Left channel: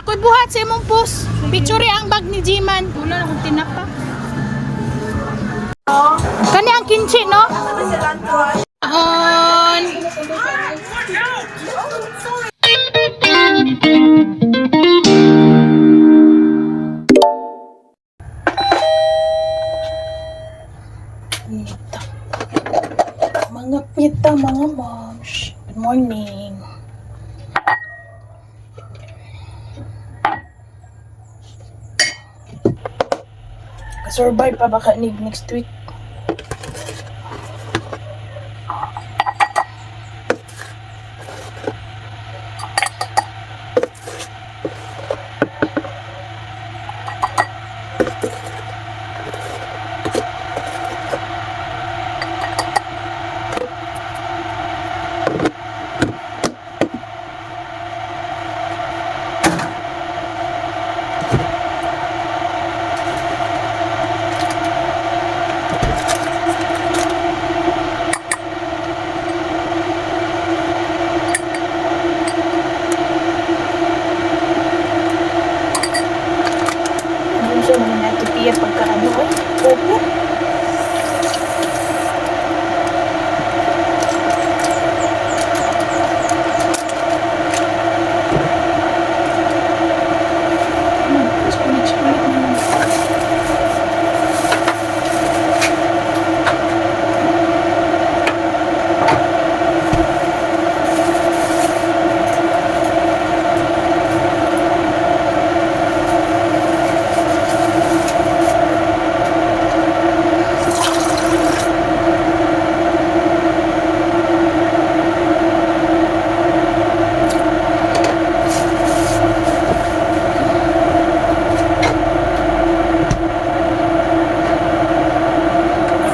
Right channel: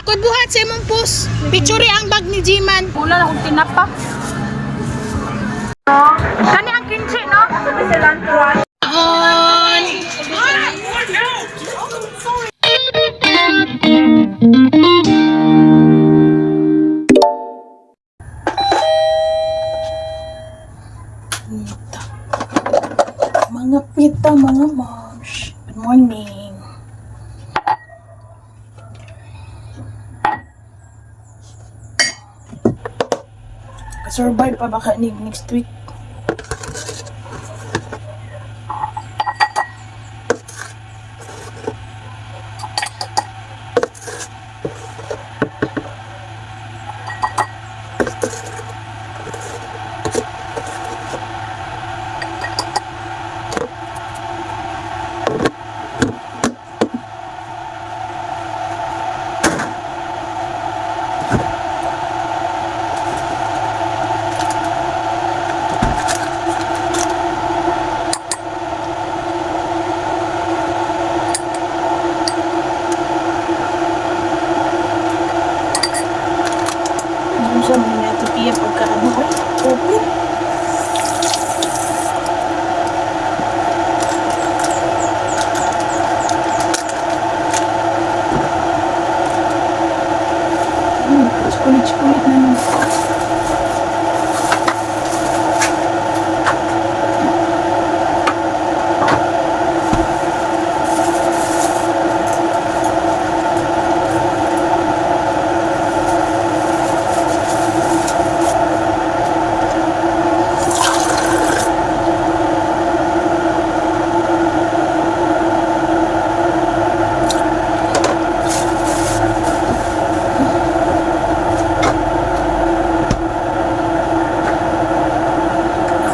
Ako'y buhat sa imong post. Picture ang bag ni Jiman. Wala na akong tinapa. Kani ang kinchi, no? On. Mga pita, mga moms. Good morning. Survive pa baka next week. Sa mga natipiya pagkaano ko, open. Kulit-kulit na.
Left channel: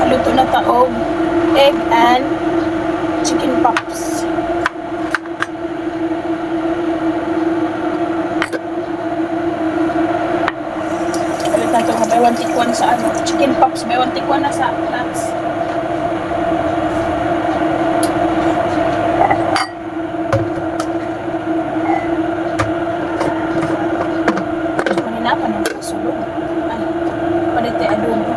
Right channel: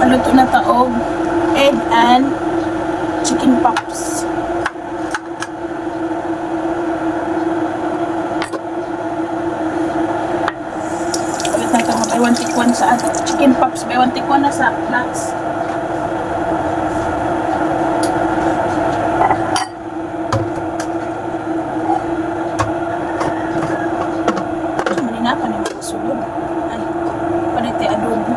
Luto na taog, egg and chicken pops. Ulit na ito, may 1 take 1 sa ano. Chicken pops, may 1 take 1 na sa nuts. Maninapan yung kasulog. Ay, panite adobo.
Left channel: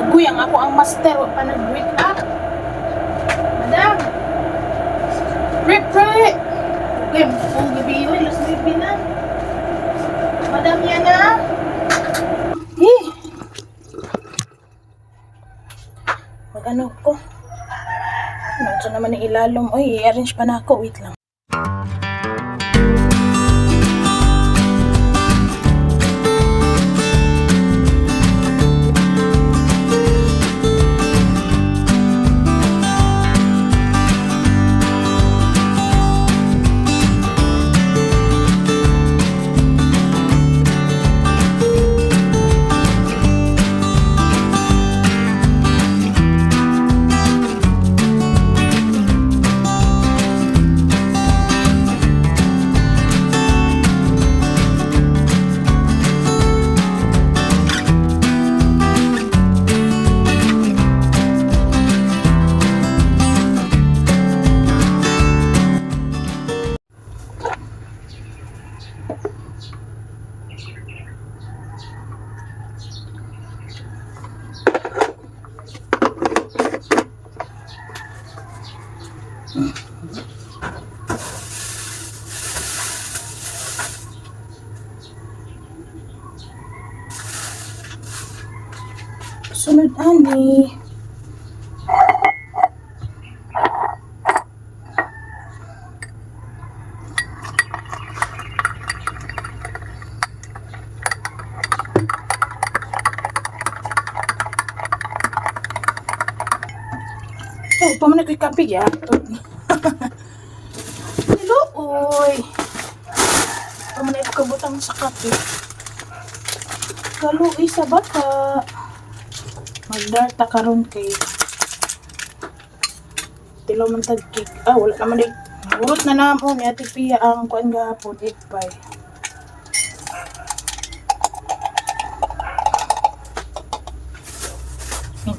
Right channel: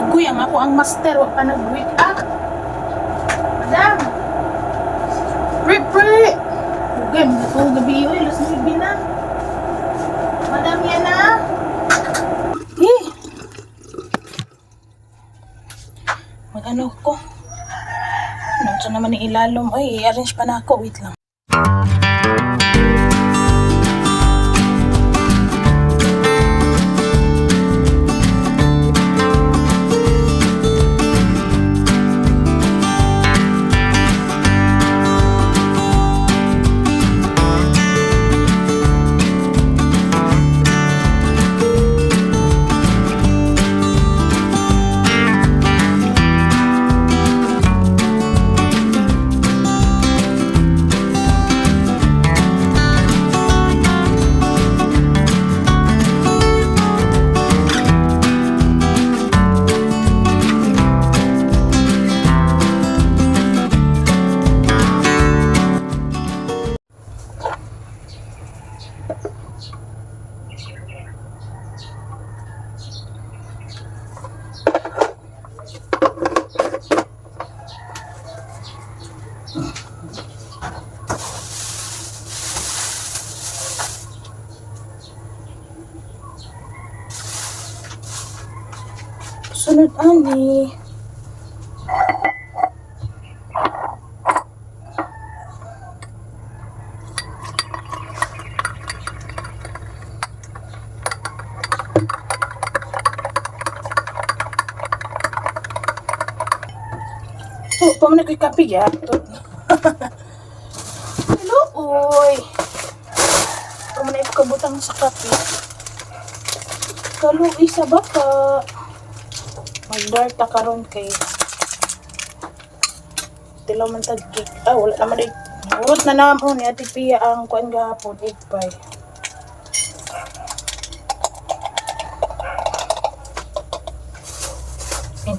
Aguyang ako ang master, wag pa nag-wake up. Madam! Pre! Game, kung gabi yun, alas 9 na. Madam, yan na. Mag-ano ko? Ano siya naman yung ilalom? Ay, i-arrange pa na ako. Wait lang. Sunod ani. Oh, pamanay ko'y kape ya. Hello, oy. Pamanay ko kabutang sa kape. Kaluoy sa bata. Magdarta karon kay tilaw man tag cake. Ah, wala naman din. Urot na naman ni Ate Pia ang kuan gahapon, egg pie.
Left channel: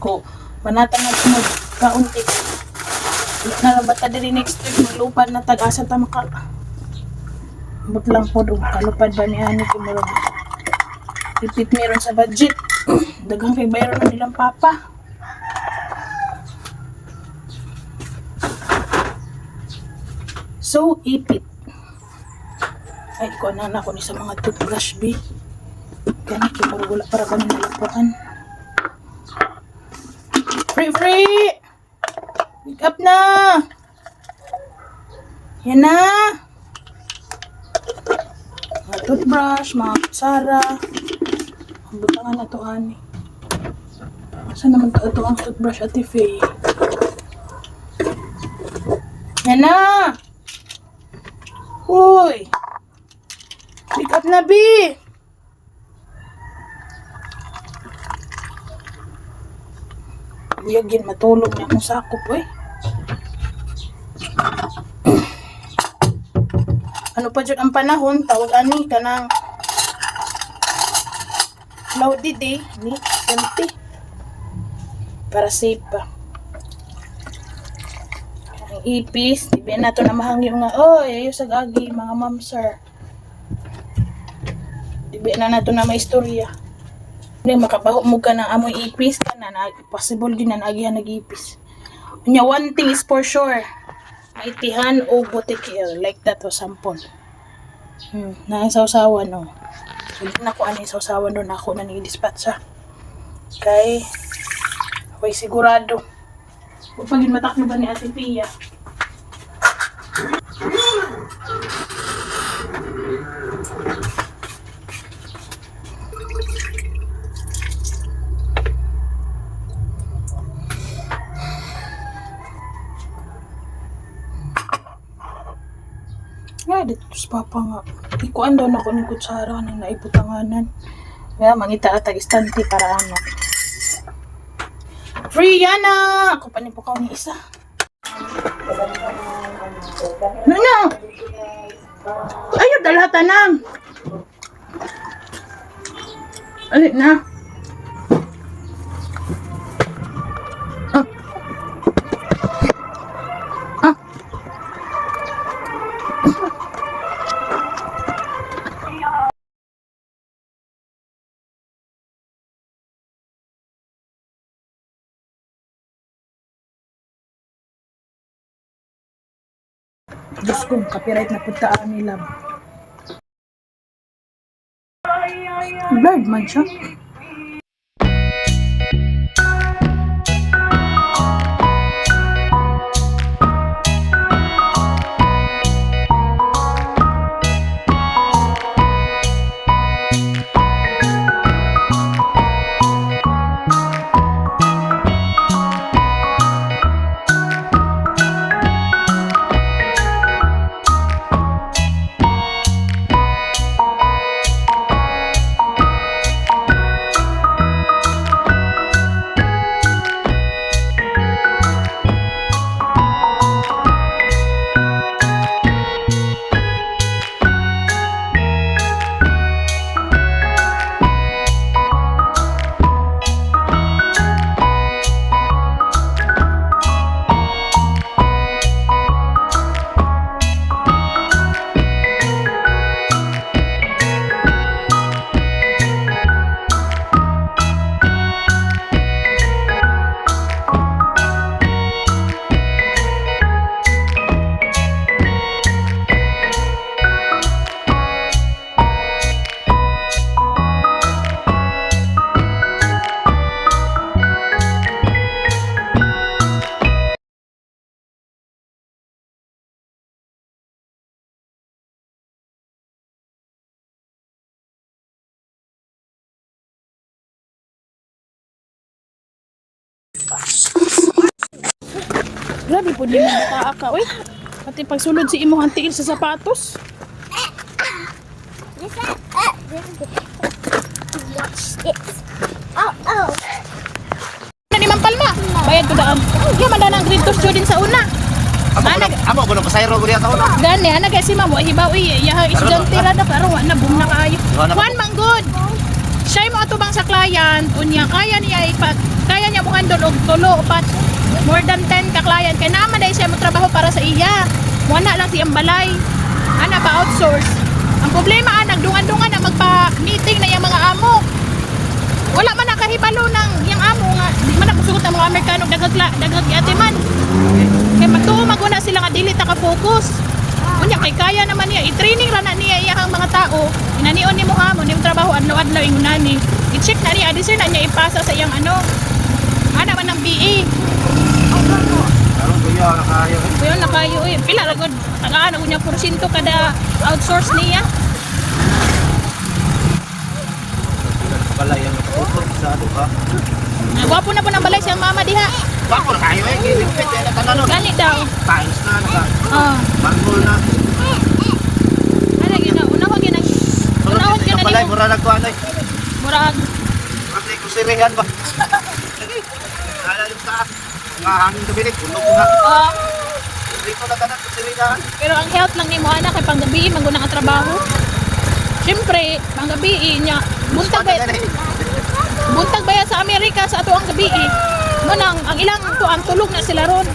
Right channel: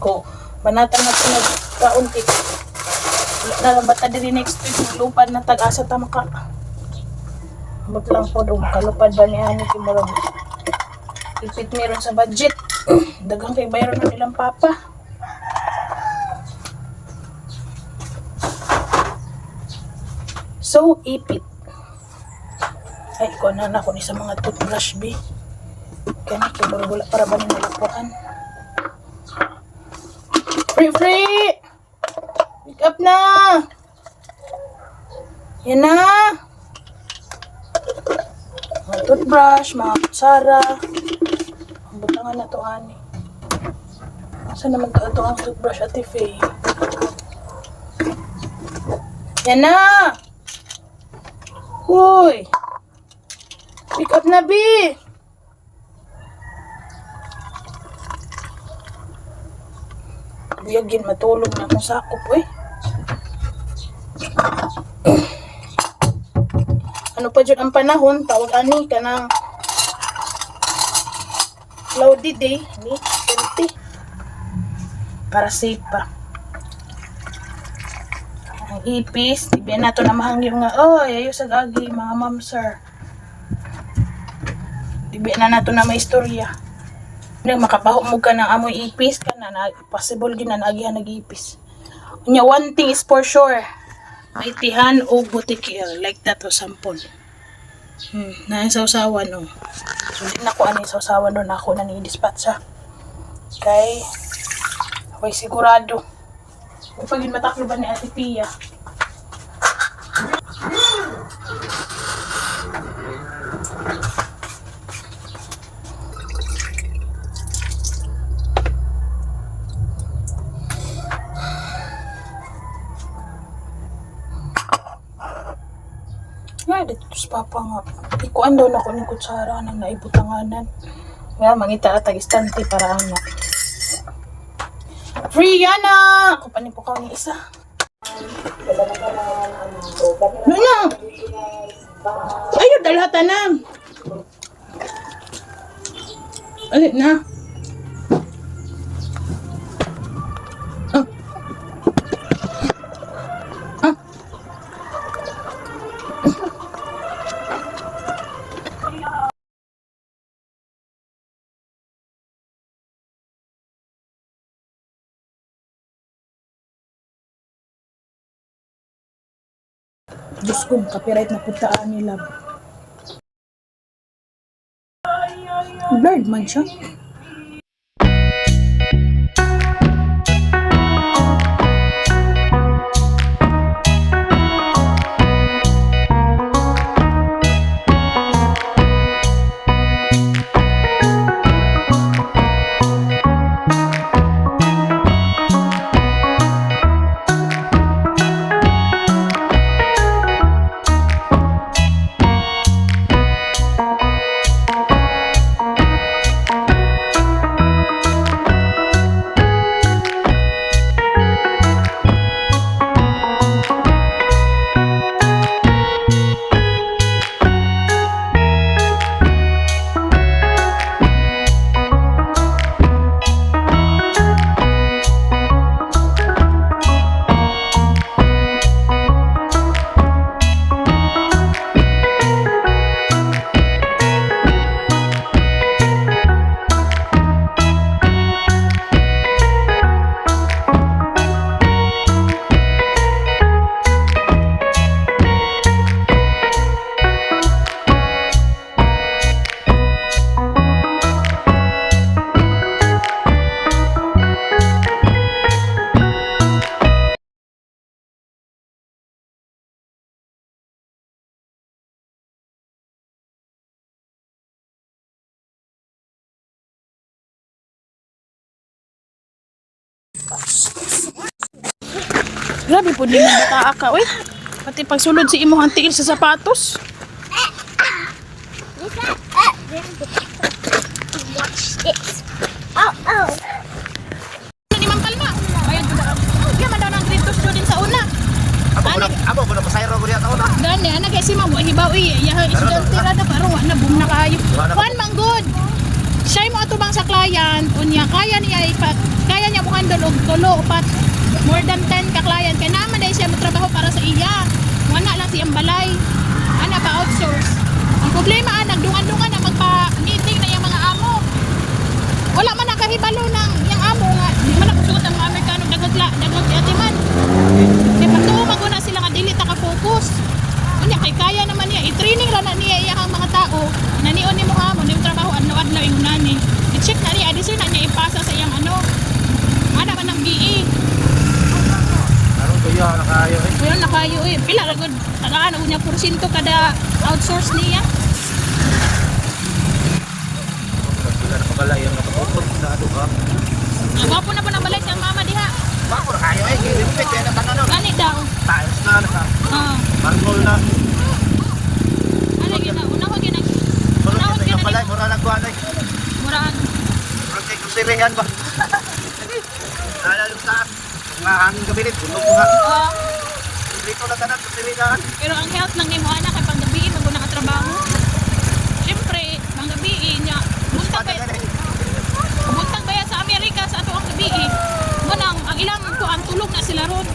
Ko banatan na nagkaunti. Wala na rabata din next week lupad na tag-asa ta maka. Ambot lang po doon. Kalupad ba ni Ani Kimurong? Ipit meron sa budget. Dagang kay bayro na nilang papa. So, ipit. Ay, ko na ako ni sa mga toothbrush, B. Kaya Kimurong wala para ba nalapuan. Free! Wake up na! Yan na! Mga toothbrush, mga kutsara. Ang butangan na to, Ani. Saan naman to ang toothbrush, Ate Faye? Yan na! Uy! Wake up na, B! Buyagin, matulog na akong sakop, eh. Ano pa dyan ang panahon? Tawag ani ka ng cloudy day, ni 20. Para safe pa. Ang ipis, di na to na mahangyo nga, oy, ayo sa agi, mga ma'am sir. Di na to na maistorya. Hindi, makapaho mo ka ng amoy ipis ka na, possible gina na agihan nag-ipis. Unya, one thing is for sure. Maitihan o butikil, like that o sampol. Naisawsawan o. Sulit na ko ano isawsawan doon ako na ni-dispatch ha. Kay, ako'y sigurado. Huwag pagin mataklo ba ni Ate Pia? Nga, dito sa papa nga. Ikuan daw na ko ng kutsara ng naibutanganan. Kaya, mangita at tag-istanti para ano. Free yana! Ako pa niyo po ni isa. Ano? Ayaw, dalhatan na. Alit na. Diyos ko, copyright na puntaan nila. Blurred man siya. Grabe po din ang bata ka, uy. Pati pagsulod si imo hantiin sa sapatos. Nani man palma. Bayad ko daan. Iya man daan ang grade 2 student sa una. Amo ko no kasayro ko diya taon. Gani ana kay si mamo hibaw iya estudyante ra da pero wa na boom na kayo. Juan Manggod. Siya mo atubang sa client unya kaya niya mo handle og tulo upat more than 10 ka client kaya naman dahil siya magtrabaho para sa iya wala lang siyang balay ana pa outsource Ang problema nagdungan-dungan na magpa-meeting na yung mga amo. Wala man nakahibalo ng yung amo nga di man nakusugot ang mga Amerikano daghag atiman. Kaya pagtuo maguna sila nga dili ta ka-focus. Unya kay kaya naman niya i-training ra na niya iyang mga tao. Nanion ni mo amo ni trabaho adlaw-adlaw ingunani. I-check na niya adisir na niya ipasa sa iyang ano. Ana man ng BE. Kuya, nakayo. Kuya nakayo pila ra gud tagaan og niya porsyento kada outsource niya. Pala yan nakaputol sa ano ba? Gwapo na po ng balay siyang mama diha. Bako na kayo gilipit yan ang tanano. Gani daw. Times na naka. Oh. Mangol na. Ano gina unahon gina. Unahon Sunod gina pala nimo. mura nagkuan ay. Murag Kasi kusirihan ba? Nalalim ka. Mahangin kabinet tulog nga. Lipo na tanan kusirihan. pero ang health lang nimo ana kay panggabi man gud ang trabaho. Siyempre, panggabi niya buntag ba sa Amerika sa ato ang gabi. Mo nang ang ilang ang tulog na sila ron.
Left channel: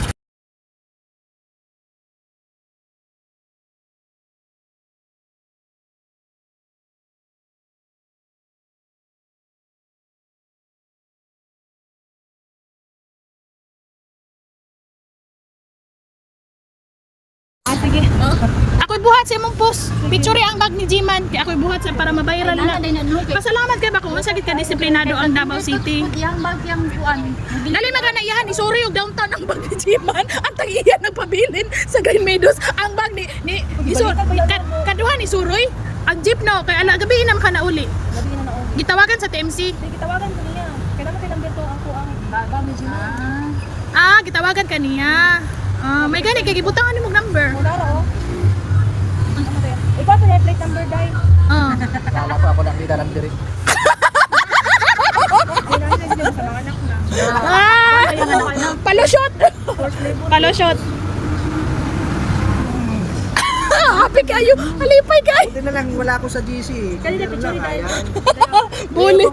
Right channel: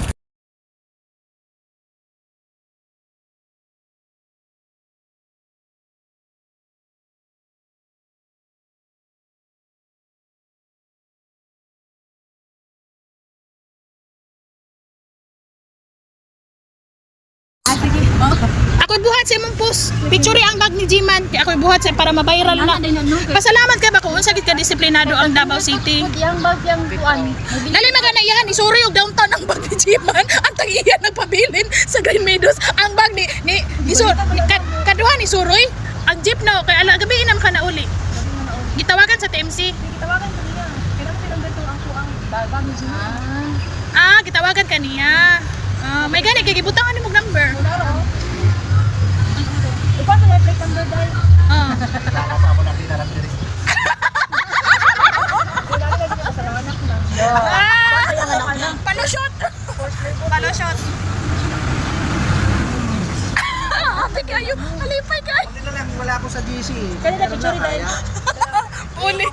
Ako'y buhat sa imong post. Picture ang bag ni Jiman. Kaya ako'y buhat sa para ma-viral na. Pasalamat ka ba kung unsa gid ka disiplinado ang Davao City. Yang bag yang kuan. Dali magana yan, isuri og downtown ang bag ni Jiman. Ang tagiyan nagpabilin sa Greenmeadows. Ang bag ni kaduhan ni Suroy. Ang jeep no kay ala gabi nam ka na uli. Gabi na naon. Gitawagan sa TMC. Gitawagan ko niya. Kaya naman tinamber to ang kuang bag ni Jimmy. Gitawagan ka niya. May gani kay gibutangan nimo number. Muna ro. Ikaw sa plate number dai. Lala pa ako lang dito lang diri. Kailangan na dito sa mga anak na. Palusot. Palusot. Happy kayo. Halipay kayo. Buti na lang wala ako sa GC. Kanina picture dai. Buli.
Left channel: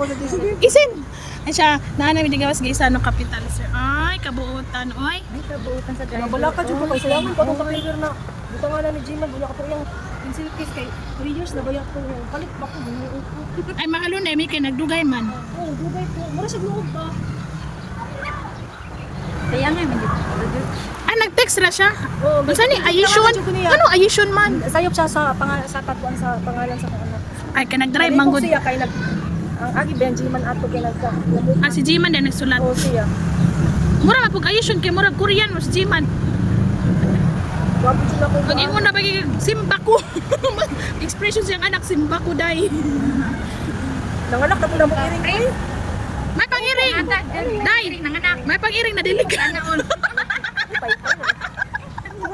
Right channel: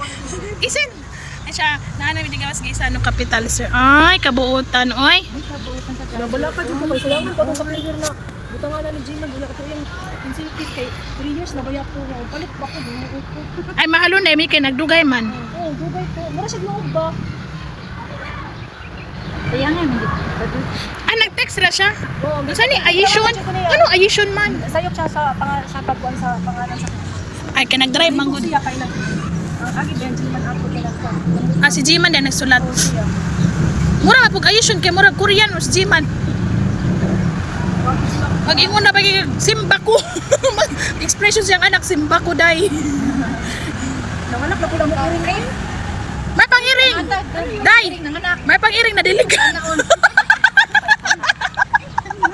Isin. Ay siya, naanay di gawas gisa no capital sir. Ay, kabuutan oy. Kabuutan sa tinay. Wala pa dito kasi ang pa sa river na. Dito nga ni Jimmy bila ko lang incentive kay 3 years na bayak ko. Palit ba ko ginuot. Ay mahalo na may kay nagdugay man. Oh, dugay ko. Mura sa loob ba? Tayangan mo dito. Nag-text ra siya. Oo. Unsa ni Ayishon? Ano Ayishon man? Sayop siya sa pagkuan sa pangalan sa anak. Ay kay nag-drive man gud. Siya kay nag agi Benjamin ato kay nagka. Si Jiman din nagsulat. Oh siya. Mura pug Ayishon kay mura Korean or si Jiman. Wapo sila ko. Pag ingon na pag Simbaku. Expression siyang anak Simbaku dai. Nanganak na pula mo iring. May pangiring. Dai. May pangiring na dilig.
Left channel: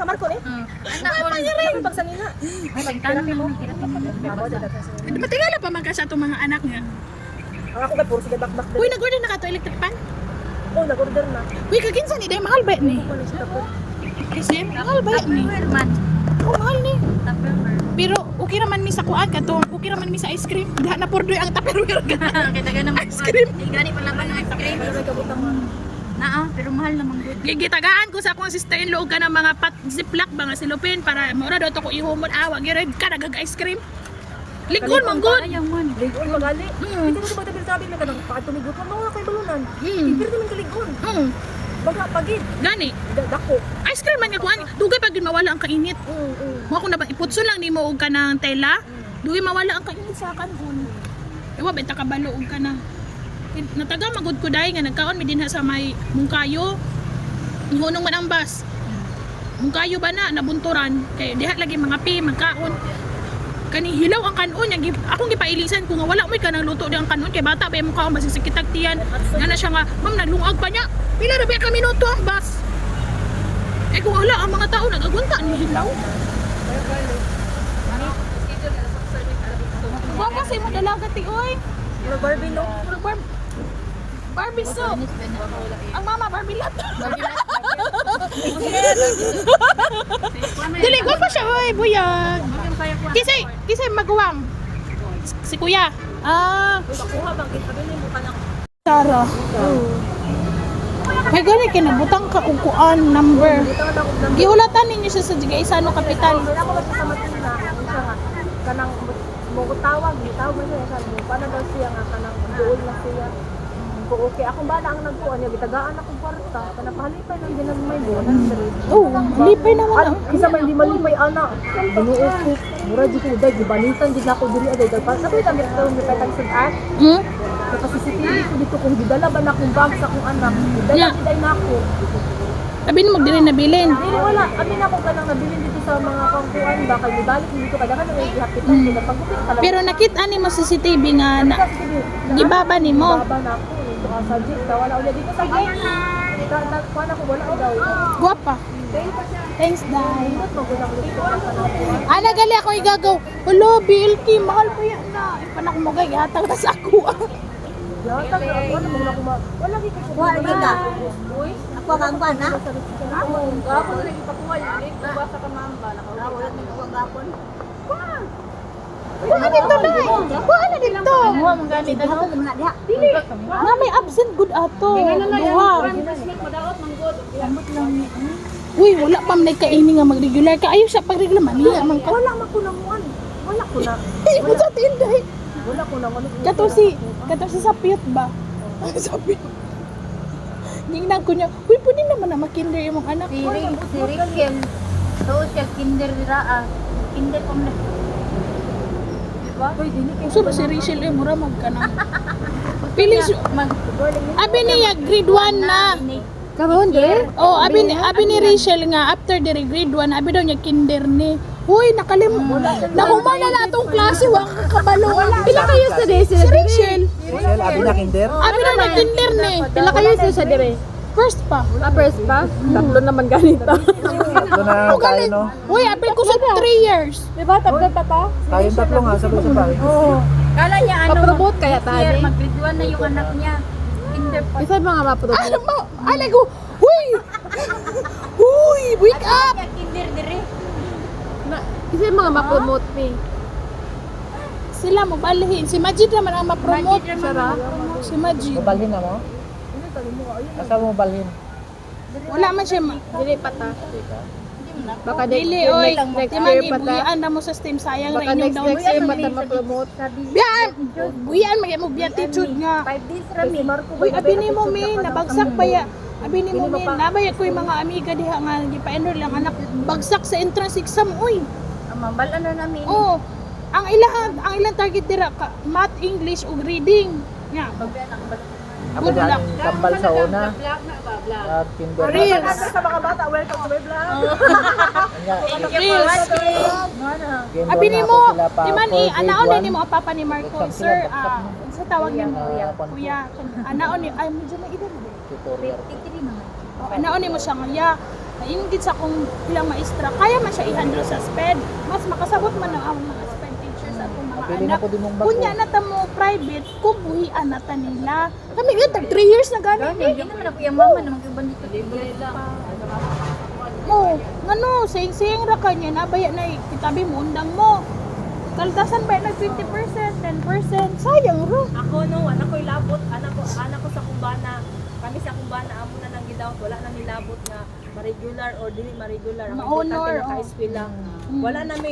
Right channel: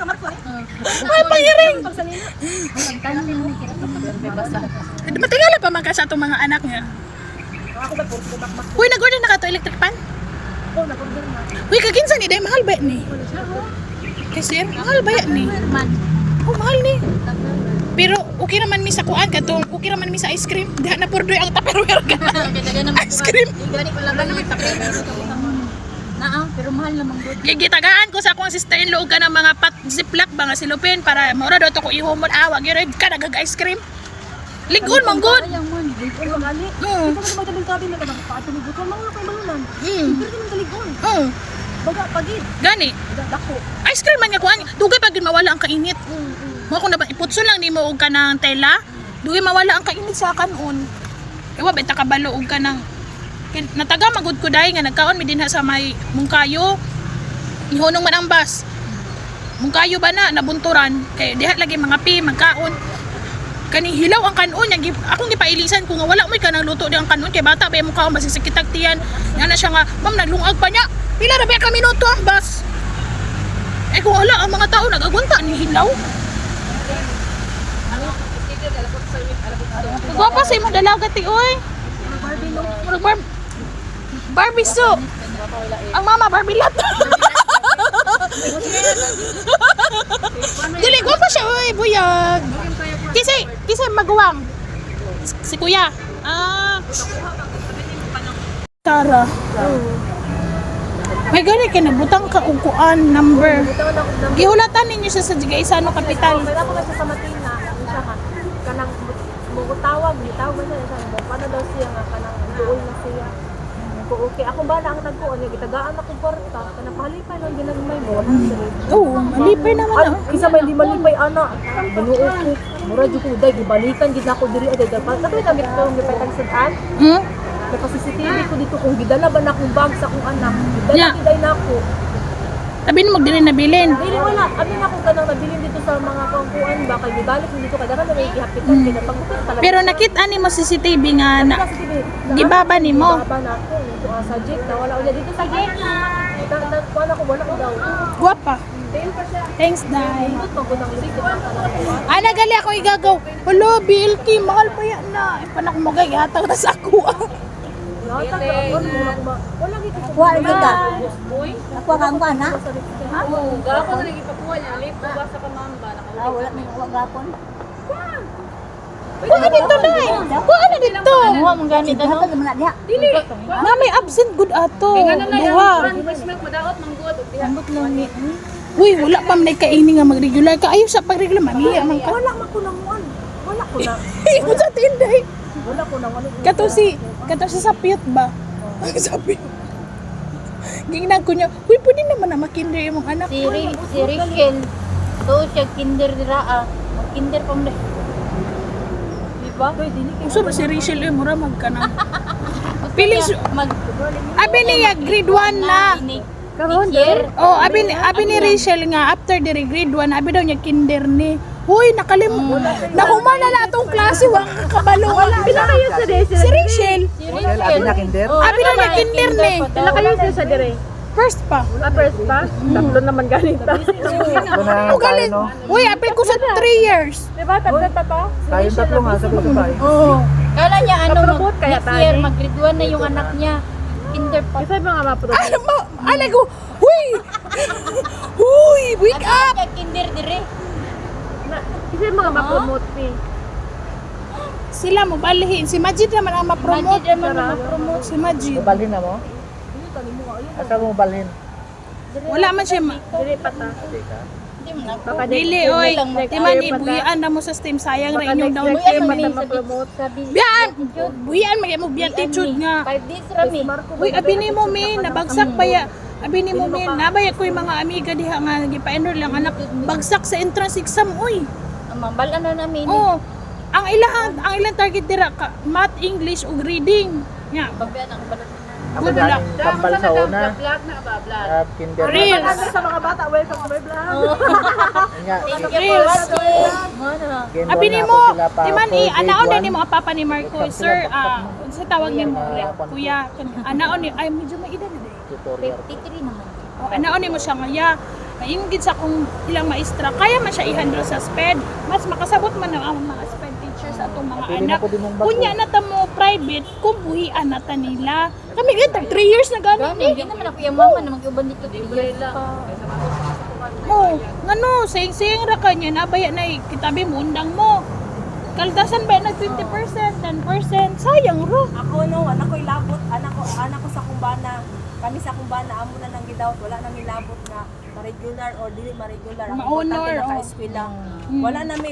Naman ko eh. May pangiring. Matingala pa man ka sa itong mga anak niya. Ako ba puro sa bakbak. Uy, nag-order na ka to electric pan? Oh, nag-order na. Uy, kaginsa ni day mahal ba ni? Kasi mahal ba ni? Oh, mahal ni. Pero okay naman mi sa kuan katong okay naman mi sa ice cream. Diha na purdoy ang Tupperware ka. Ice cream. Gani pa laban ng cream pero kabutang mo. Naa, pero mahal naman gud. Gitagaan ko sa akong sister-in-law ka ng mga ziplock ba nga silupin para maura daw to ko ihumon wag gyud ka nagag ice cream. Ligon man gud. Ayang man. Ligon magali. Mm. Ito ba tabi na kadang paatumigot ka mawala kay balunan. Mm. Pero man kaligon. Baga pagid. Gani. Dako. Ice cream man nga kuan. Dugay pag mawala ang kainit. Mo ako na ba iputson lang nimo og kanang tela. Dugay mawala ang kainit sa kanon. Ewa benta ka balo og kanang nataga magud ko dai nga nagkaon mi dinha sa may Mungkayo. Ihunong man ang bus. Mungkayo ba na nabunturan kay diha lagi mga magkaon. Kani hilaw ang kanon yang akong gipailisan ko nga wala moy kanang luto di ang kanon kay bata ba mo kaon basi sakit tiyan. Nga na siya nga ma'am naglungag pa niya. Pila ra ba ka minuto ang bus? Eh kung wala ang mga tao nagagunta ni hilaw. Gwapa sa imong dalaga ti oy. Barbie no. Barbie so. Ang mama Barbie lat. Dili gwapa siya oy buyag. Kisay maguwang. Si kuya. Tara. May gani kay nabutang ka og kuan number. Gihulatan ninyo siya sa Jigaisano Capital. Pero ako sa Matina. Kanang ko tawag na siya. Paano daw siya nga kanang duol na siya. Ko okay, ako ba na ang nagkuha niya gitagaan ako kwarta. Kana palipay lang ginamay mo. Oo, malipay naman na. Isa ba hindi malipay ana. Binuo ko. Mura jud ko day gibalikan gid ako diri aday. Pagkatapos kami ko ni patagsitan. Hmm? CCTV ko dito kung gidala ba na akong bag sa akong anak. Gidala Yeah. giday na ako. Sabi mo magdili na bilin. Dili wala. Abi na ako kanang nabilin dito sa mga kangkuan ba kay gidalik dito kada ka may gihapitan kita pagbuti talaga. Pero nakita ni mo CCTV nga na CCTV. gibaba ni mo. Baba na ako sa jeep na wala ulit dito sa jeep. Kuan ako wala ko daw. Guwapa. Thanks, Dai. Ana gali ako igagaw. Hello, BLT, mahal pa yan na. Panak mo gay hatag na sa ako. Wala gid ko. Kuha lagi ka. Ako ang kuha na. Dara ko na lagi pakuha niya. Alip ko ba sa kamamba Ah, wala may kuha gapon. Kuha dito, Dai. Kuha na dito. Dapat mo na diha. Na may absent good ato. Duha. Uy, wala pa man kaini nga mag-regular ka. Ayaw sa pag-regular, mamiya man ka. Wala man ko nang kuan. Wala ko na. Imo sa tinday. Wala ko na wala. Kato si sa piyot ba? Sa piyot. Gingnan ko niya, uy, pwede naman na makinder yung mga anak. Si Riken. So siya kinder dira ah. Kinder pa mo. Diba? Pwede ni Uso ba si Rachel eh, mura magkanang. Piling Mag abi niya grade 1 na. Karon der. Oh, abi ni Rachel nga after the grade 1, abi daw niya kinder ni. Hoy, nakumana na atong klase, wa ka kabalo. Pila kayo sa si Rachel? Rachel, abi na kinder. Abi daw niya kinder ni. Pila kayo sa dire? First pa. First pa? Tatlo naman ganito. Ito na Ano tayo, galit? no? Uy, apil ko sa 3 years. Diba? Tatlo pa pa? Tayong tatlo nga, sabay-sabay. Kala niya ano Papromote kaya next tayo. year mag-graduate na yung anak niya. Kinder pa. Isa mga mapromote. Ano mo? Alay ko, huy! Huy, wake up! Niya kinder dire. Isa mga mapromote ni. Sila mo balihin. Si Majid naman ang ma-promote. Si Majid. Balhin na mo? Asa mo balhin? Wala man siya Dili pa ta. Baka dili, oy. Di man ibuyaan na mo sa STEM. Sayang ra inyong down payment. ma-promote. Biyaan! Buyaan, mag beatitude nga. 5 days rami. Uy, abi ni mo, min. Nabagsak pa ya. Abi ni mo, min. Nabaya ko yung mga amiga diha nga. Gipa-enroll lang anak. Bagsak sa entrance exam, uy. Mabalan na namin. Oh. Ang ilang target dira ka, math, English ug reading. Nya. Ako Good luck. dyan, kambal sa una. Vlog na ba? Vlog. At kinder na. Reels. Sa mga bata, welcome to my vlog. Nga, Reels. gendo Abi na ni ako mo, sila pa di man for anaon grade na ni mo ang papa ni Marco, sir, sa tawag ni mo, Mga kuya, anaon ni, ay medyo may edad na din. tutorial. 53 naman. Oh, anaon ni mo siya nga, ya, yung gid sa kung ilang maestra, kaya man siya i-handle sa SPED, mas makasabot man ang mga SPED teachers sa atong mga Pili na anak. po din mong bago. Kunya na ta mo private, kung buhian na ta nila. Kami gid 3 years na gani ni. Hindi naman ako yung mama na mag-uban dito. Mo, ngano, sayang ra kanya nabaya na kitabi mo undang mo. Kaldasan ba na 20%, 10%, sayang ra. Ako no, anak ko ilabot, anak ko sa kumbana. Kami sa kumbana amo na nang gidawat, wala nang ilabot na regular or dili ma-regular. Ang Ma-honor, importante oh. naka-eskwela.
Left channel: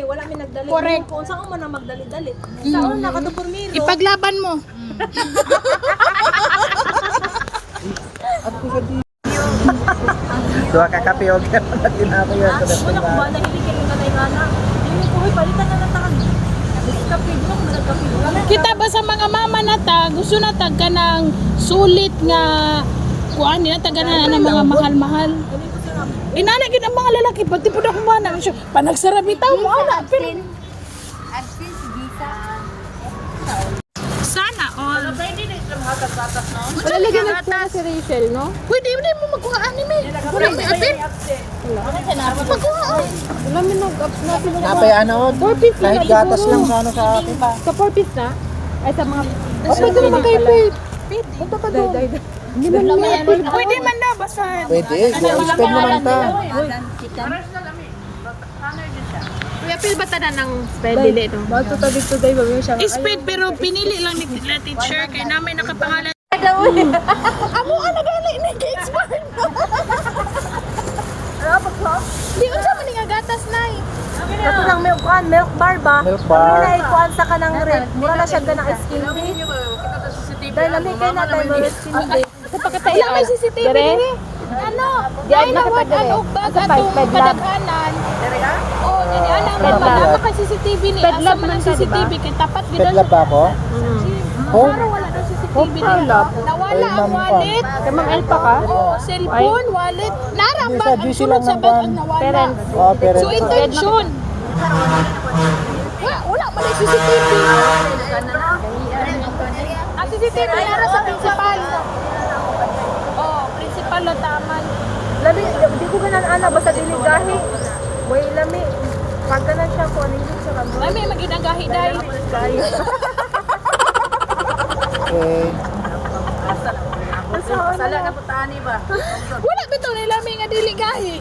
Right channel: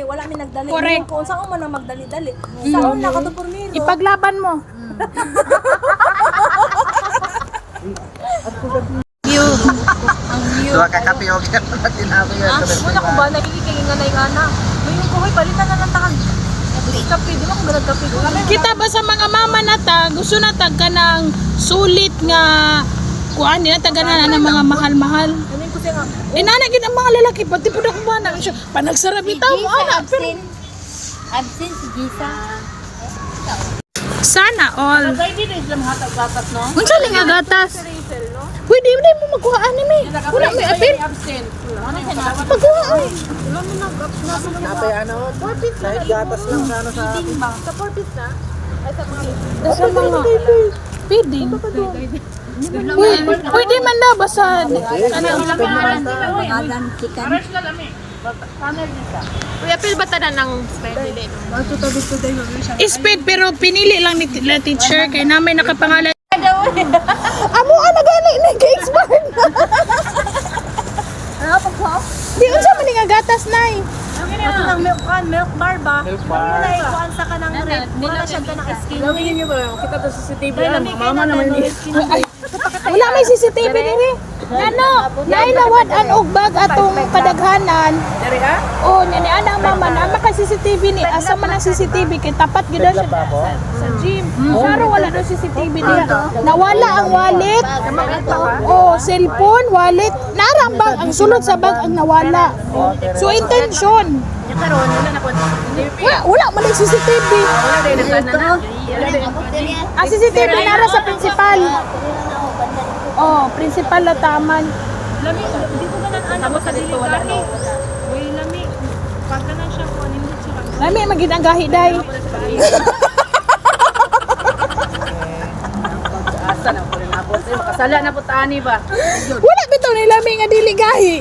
Wala mi nagdali. Correct. Kung saan man na magdali-dali. Saan na kato pormiro. Ipaglaban mo. At ko sa Tuwa ka kape o kaya na tinako yun. Wala ko ba na hindi kayo nga na ngayon ko hoy palitan na lang takag. Kape, di ba kung ganag kape ko? Kita ba sa mga mama na ta, gusto na ta ka ng sulit nga kuan nila ta ganan ng mga mahal-mahal. Amin ko siya nga. Inanagin ang mga lalaki pati pud ako ba na panagsara bitaw mo ana pero Absent si Gisa. sana all. Hindi din sila makagatas no. Unsa lagi gatas? Si Rachel no. Pwede mo magkuha anime. Wala may apil. Ano siya na? Magkuha. Wala mi nag-absent. Kapay ano, kahit gatas lang sa ano sa ba? Sa 4 piece na? Ay sa mga Sa mga feeding. Pwede man daw basta ano mga pangalan. Adan chicken. Kuya Phil ba tanan ng spell dili ito? Bato tabi ko dai bagay siya. Speed pero pinili lang ni teacher kay namin nakapangalan. Amo ana gani ni expert. Di unsa man nga gatas nay. Kato ng milk bar ba? Milk bar. Mura na ikuan sa kanang red. Mura na siya ng skin. Kita to CCTV. Dahil lami kayo na tayo mga skin. Wala may CCTV diri. Ano? Nailawad ang ugbag atong kadaghanan. Oh, ni ana mama na maka CCTV ni asa man ang CCTV kay tapat gid siya ako? sa gym. Pero wala daw CCTV dito. Nawala ang wallet. Oh, cellphone, wallet. Narambang ang sulod sa bag ang nawala. So intention. Wala man ang CCTV. Ang CCTV nara sa principal. Oh, principal na taman. Lami, di ko ganan ano, basta diligahi. Way lami. Pag ganan siya ko, anong siya ka mo? Ay, may maginagahi day. Pasala na po taani ba? Wala bitaw ni lami nga diligahi.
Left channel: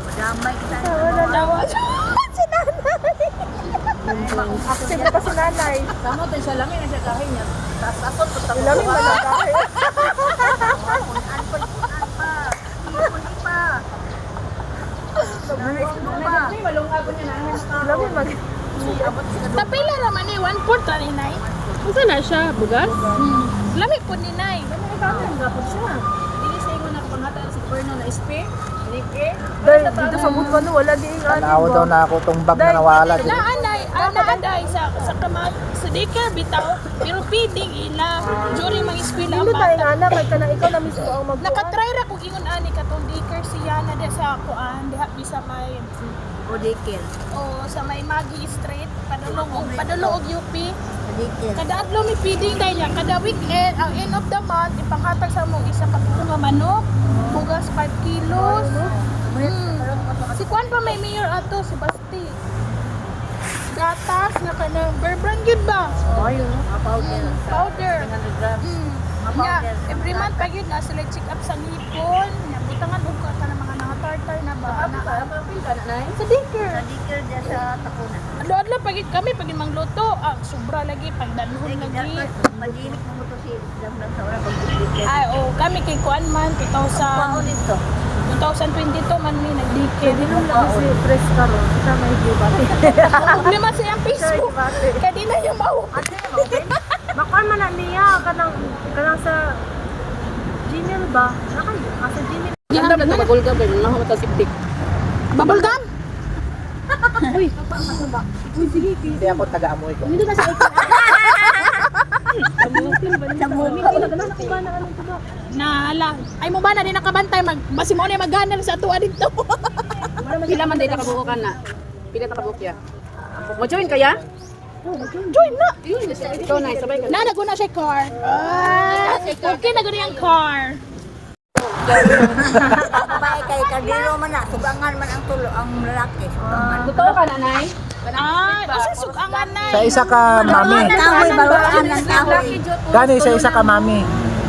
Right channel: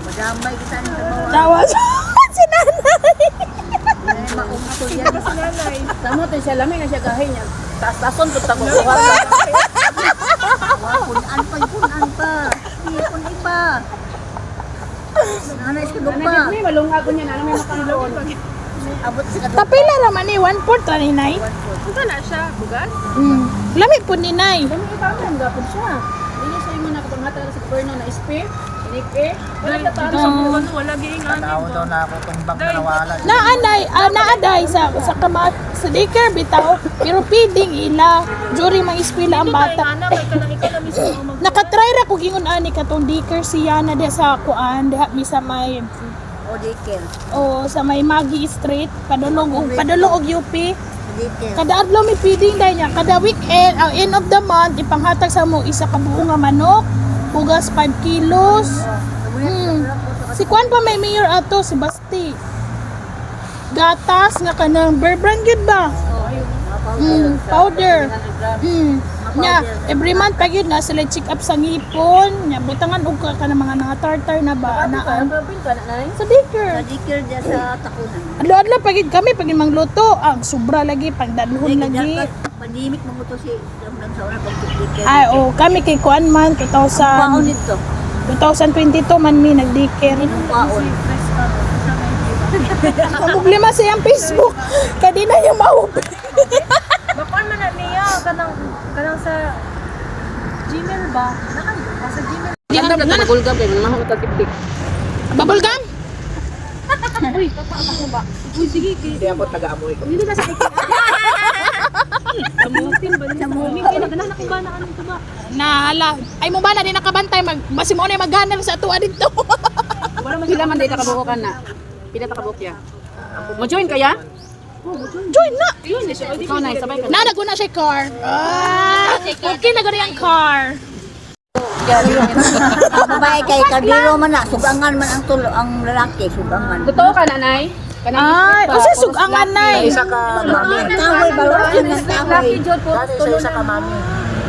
Tawas. Si nanay. Sino ba si nanay? Sama to siya lami na siya gahin niya. Taas-tason po tamo. Lami pa lang gahi. May malungha ko niya na may makakaw. Lami pa. Tapila raman ni 1/4 ra ni nay. Ito na siya, bugas. Lami po ni nay. Kami ibang gapon siya. Hindi siya yung nakapangata sa perna na spear. Like, Dahil dito sa mundo no, wala giingan Tao daw ba? na ako tong bag na nawala. Naaday sa kamat sa daycare bitaw. Pero piding ila during mga eskwela ang Hindi tayo bata. anak, kay kana ikaw na mismo ang mag- Nakatry ra ko gingon ani katong daycare siya na diha sa kuan diha mi sa may o dikin. sa may Magi Street padulong og UP. Kada adlaw mi feeding day niya. Kada weekend, ang end of the month ipanghatag sa mo isa ka buo nga manok, bugas 5 kilos. Si Kwan pa may mayor ato si Basti. Gatas nga kanang bear brand gyud ba? Powder. Nya every month pa gyud na sila check up sa ngipon, nya butangan og ka ng mga tartar na ba na Gawin ka na nay. sa daycare. Dikir dyan sa takunan. Adlaw-adlaw pagid kami pag mangluto, ang sobra lagi pagdalhon lagi. Madimik mo to si Damdan sa ora pagdikir. Ay, kami kay Kuan man 2000 nito. 2022 man mi nagdikir. Press ka ro, asa may giba. Ang problema sa iyang Facebook, kadina niya maupo. Makuan man na niya kanang sa Gmail ba? Nakayo ka sa Gmail. Nagulgam din lang ako tasiptik. Bubble gum? Hindi ako taga-amoy ko. Hindi na sa ikin. Nahala. Ay mo bala din nakabantay basi mo na maghanap sa atuwa dito. Wala magila man dito kabubukan na. Pila ta kabukya. Mo join kaya? Join na. Yun, ikaw na sabay ka. Na naguna siya car. Okay na gani ang car. Babae kay kardiro man na, sugangan man ang tulo ang lalaki, sugangan. Totoo ka nanay? Ay, o sa sugangan na Isa ka mami. Ang kahoy, baluan ng kahoy. Gani isa ka mami.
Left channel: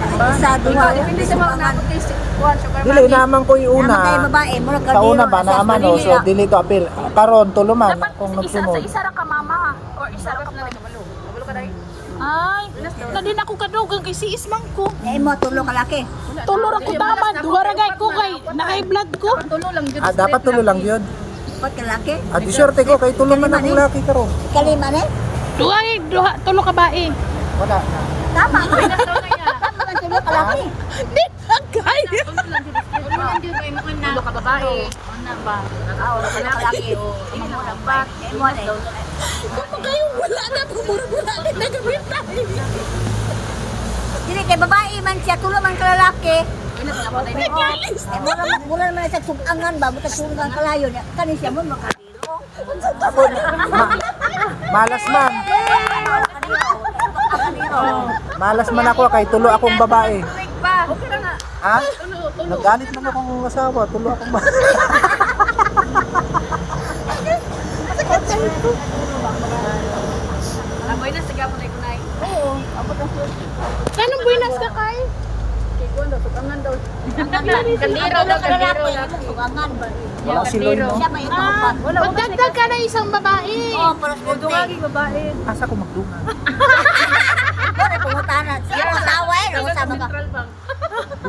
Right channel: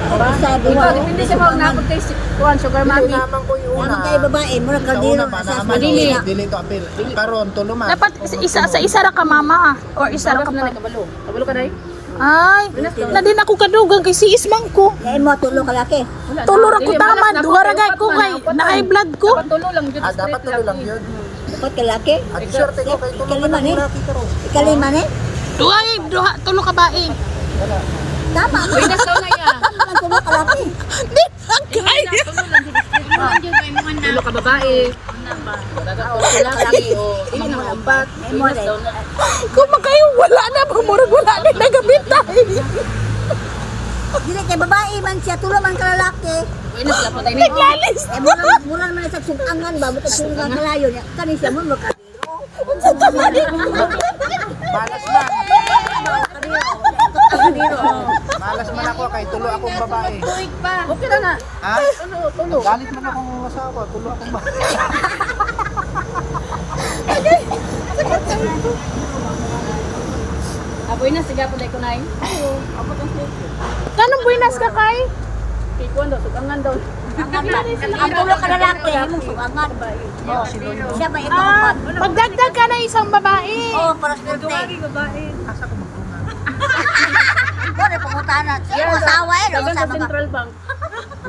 Isa, duwa, Hindi sa mga sugangan. nakot kay Kuan sugar Dili mommy. naman ko yung Naman kay una. babae, mura Sa kardiro. una ba naaman o so dili to apil. Karon tuluman. Dapat sa isa ra ka mama or isa ra ka Tapos na pa. nagkabalo. Kabalo ka dai? Ay, na din ako kadugang kay si Ismang ko. Kaya mo tulo kalaki. Tulor ako taman, duha ra gay ko kay nakay blood ko. Tulo lang jud. Dapat tulo lang yun. Dapat kalaki. At swerte ko kay tulo Kalima man ni. ang karon. Ikalima ni. Duha tulo ka bae. Wala. Tama. Nasaw na ya. Ang tulo kalaki. Di na kaya. Tulo lang jud kay mo na. Tulo ka babae. Laki o yun ang ampat. Kaya mo rin. Kung makayo wala na pamurag wala ni nagabitay. Dili kay babae man siya, tulo man kalalaki. Ina sila patay ni. Naglalis. Eh, mura man sa sugangan ba, buta sugangan kalayo niya. Kani siya mo kardiro. Malas ma'am. Kardiro. Malas man ako kay tulo akong babae. Okay na na. Ha? Galit man akong asawa, tulo akong babae. Aboy na siga po dai ko nay. Kanong buinas ka kay? Ikuan daw sukangan daw. Ang tulo kalalaki, imong sugangan. Ya kardiro. Siya ba ito upat? Magdagdag ka na isang babae. Oh, para swerte. babae. Asa ko magduma? Ikaw rin pangutanan. Siya mo asawa eh, no? Sama ka. Central Bank.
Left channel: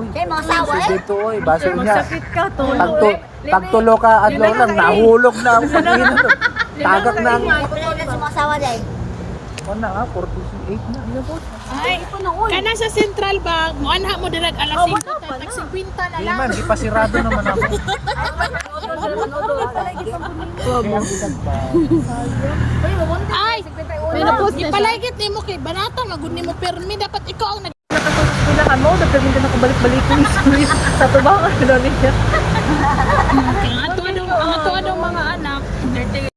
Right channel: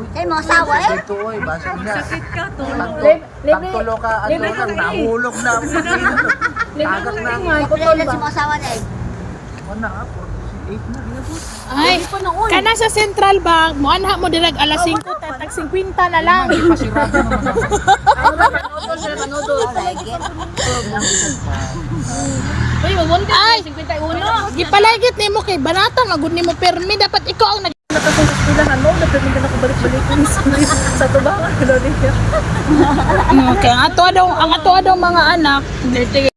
Kaya mga asawa eh. Dito oy, baso niya. Sakit ka to. Pagtulo ka ano lang nahulog na ang pagin. Tagak na. Kaya pala si mga asawa dahil. Ano na 48 na. Ay, kana sa Central Bank, mo anha mo dirag alas 5, tag 50 na lang. Man, ipasirado naman ako. Kaya ang edad pa. Ay, ipaligit nimo kay banata magud nimo permi dapat ikaw ang Nakasusilahan mo, dapat hindi nakabalik-balik sa tubangan. Ano niya? Okay, ang ato daw mga anak, dirty.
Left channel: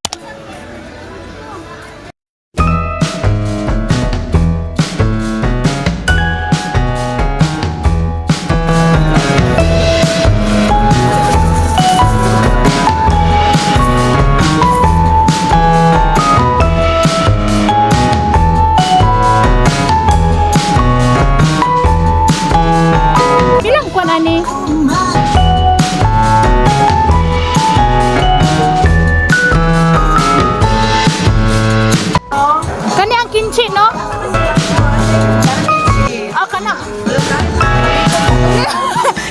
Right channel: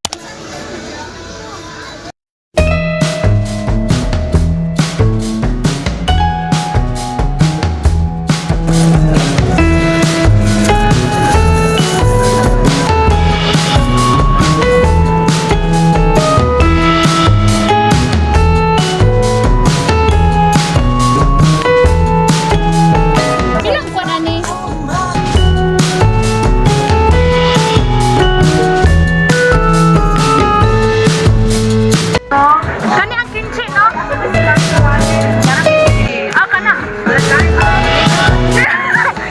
Ilang kwa na ni? Kani ang kimchi, no? Ah, kana.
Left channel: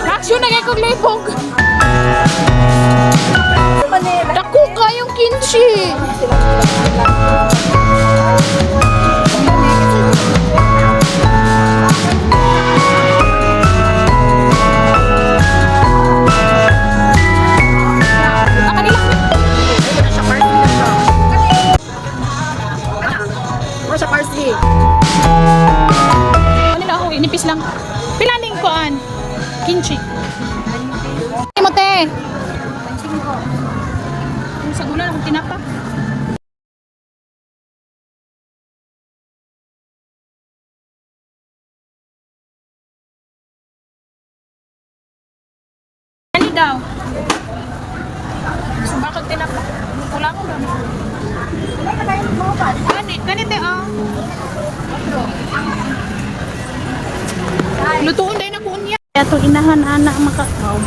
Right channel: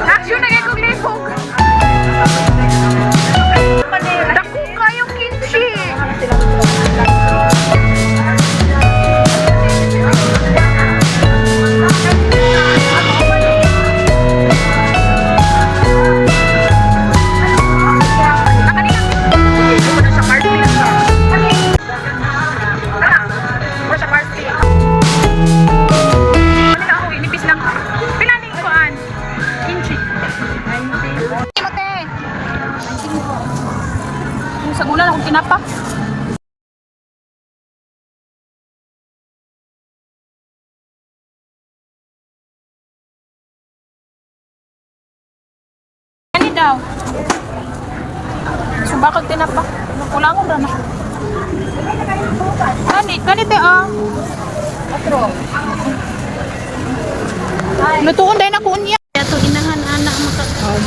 Action na kay kong lipog. Dako kayong kimchi. Ano na ako, inipis lang. Pilaning kuan. Kimchi. Ay mo te. Sa gulan akong tinapa. Ano daw? Sa bakit tinapa? Kulang ko na. Kani te ah. Lutuon dahil na kunya. Ito inahan anak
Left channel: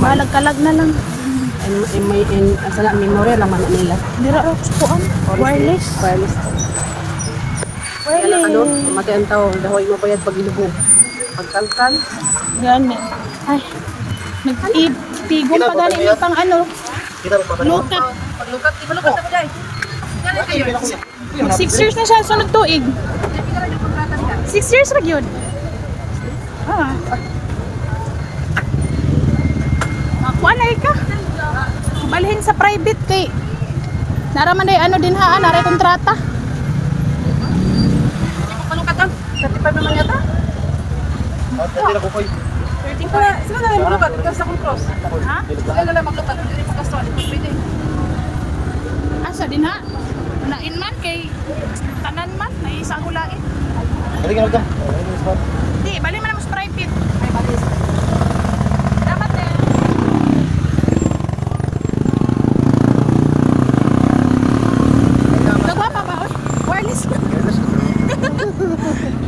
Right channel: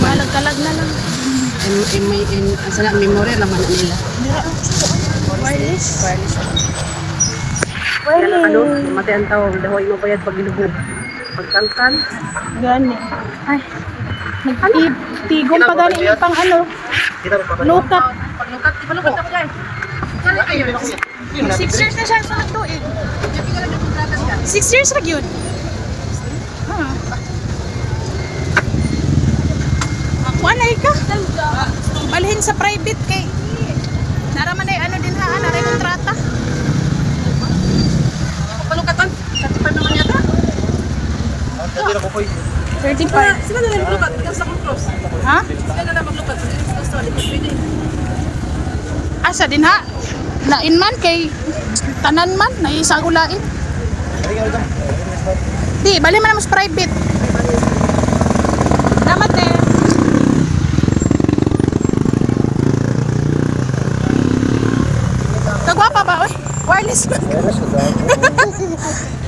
malagkalag na lang. Sala memory lang man nila. Mura ako kuan. Wireless. Ano, mati ang tawag, dahoy mo bayad pag ilubog. Pagkalkan. Gani. Ay. Nagtigom pa gani yung pang ano. Lukat. Paglukat, ipalukat ako dahil. 6 years na siya sunod tuig. 6 years ra gyud. Ah. Makuha na ka. Balhin sa private kay naraman ay ano din ha, naray kontrata. Palukatan. Katipan naman yata. Sila na lang maglukat, tapos akong cross. Ha? Sila na lang maglukat, hindi ko kastra, di ko pwede. Asa din ha? Lain man kay tanan man na isa ulain. Di, bali man mo sa private. Dapat eh. Kagwapa ba oy? Wireless.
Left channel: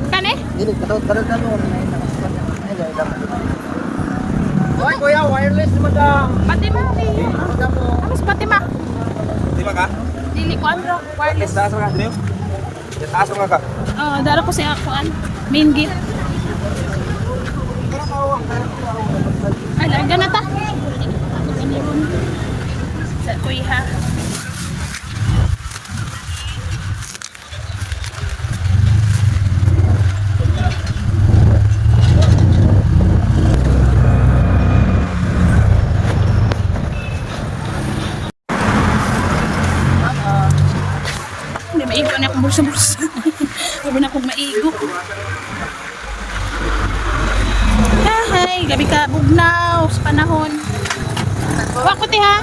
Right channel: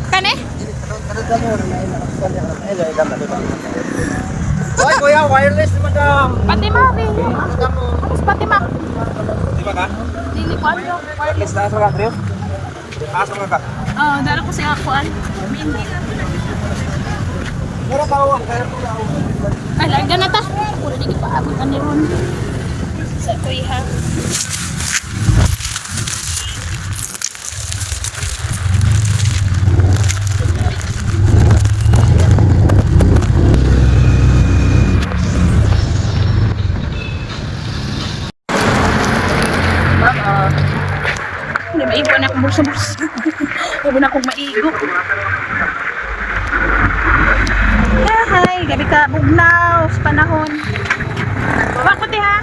Kane? Ay, kuya, wireless madam. Patima, Rio. Alas Patima. Di ba ka? Dili ko ano, wireless. Taas mo ka, Drew? Taas mo ka. Oh, dala ko sa kuan. Main gate. Ay, larga na ta. Kung hindi pa abot ani ron. Sa kuya. Hindi maigo na akong bursa-bursa. Huwag na akong maigo. Hi, gabi ka bugnaw sa panahon. Bakit ha?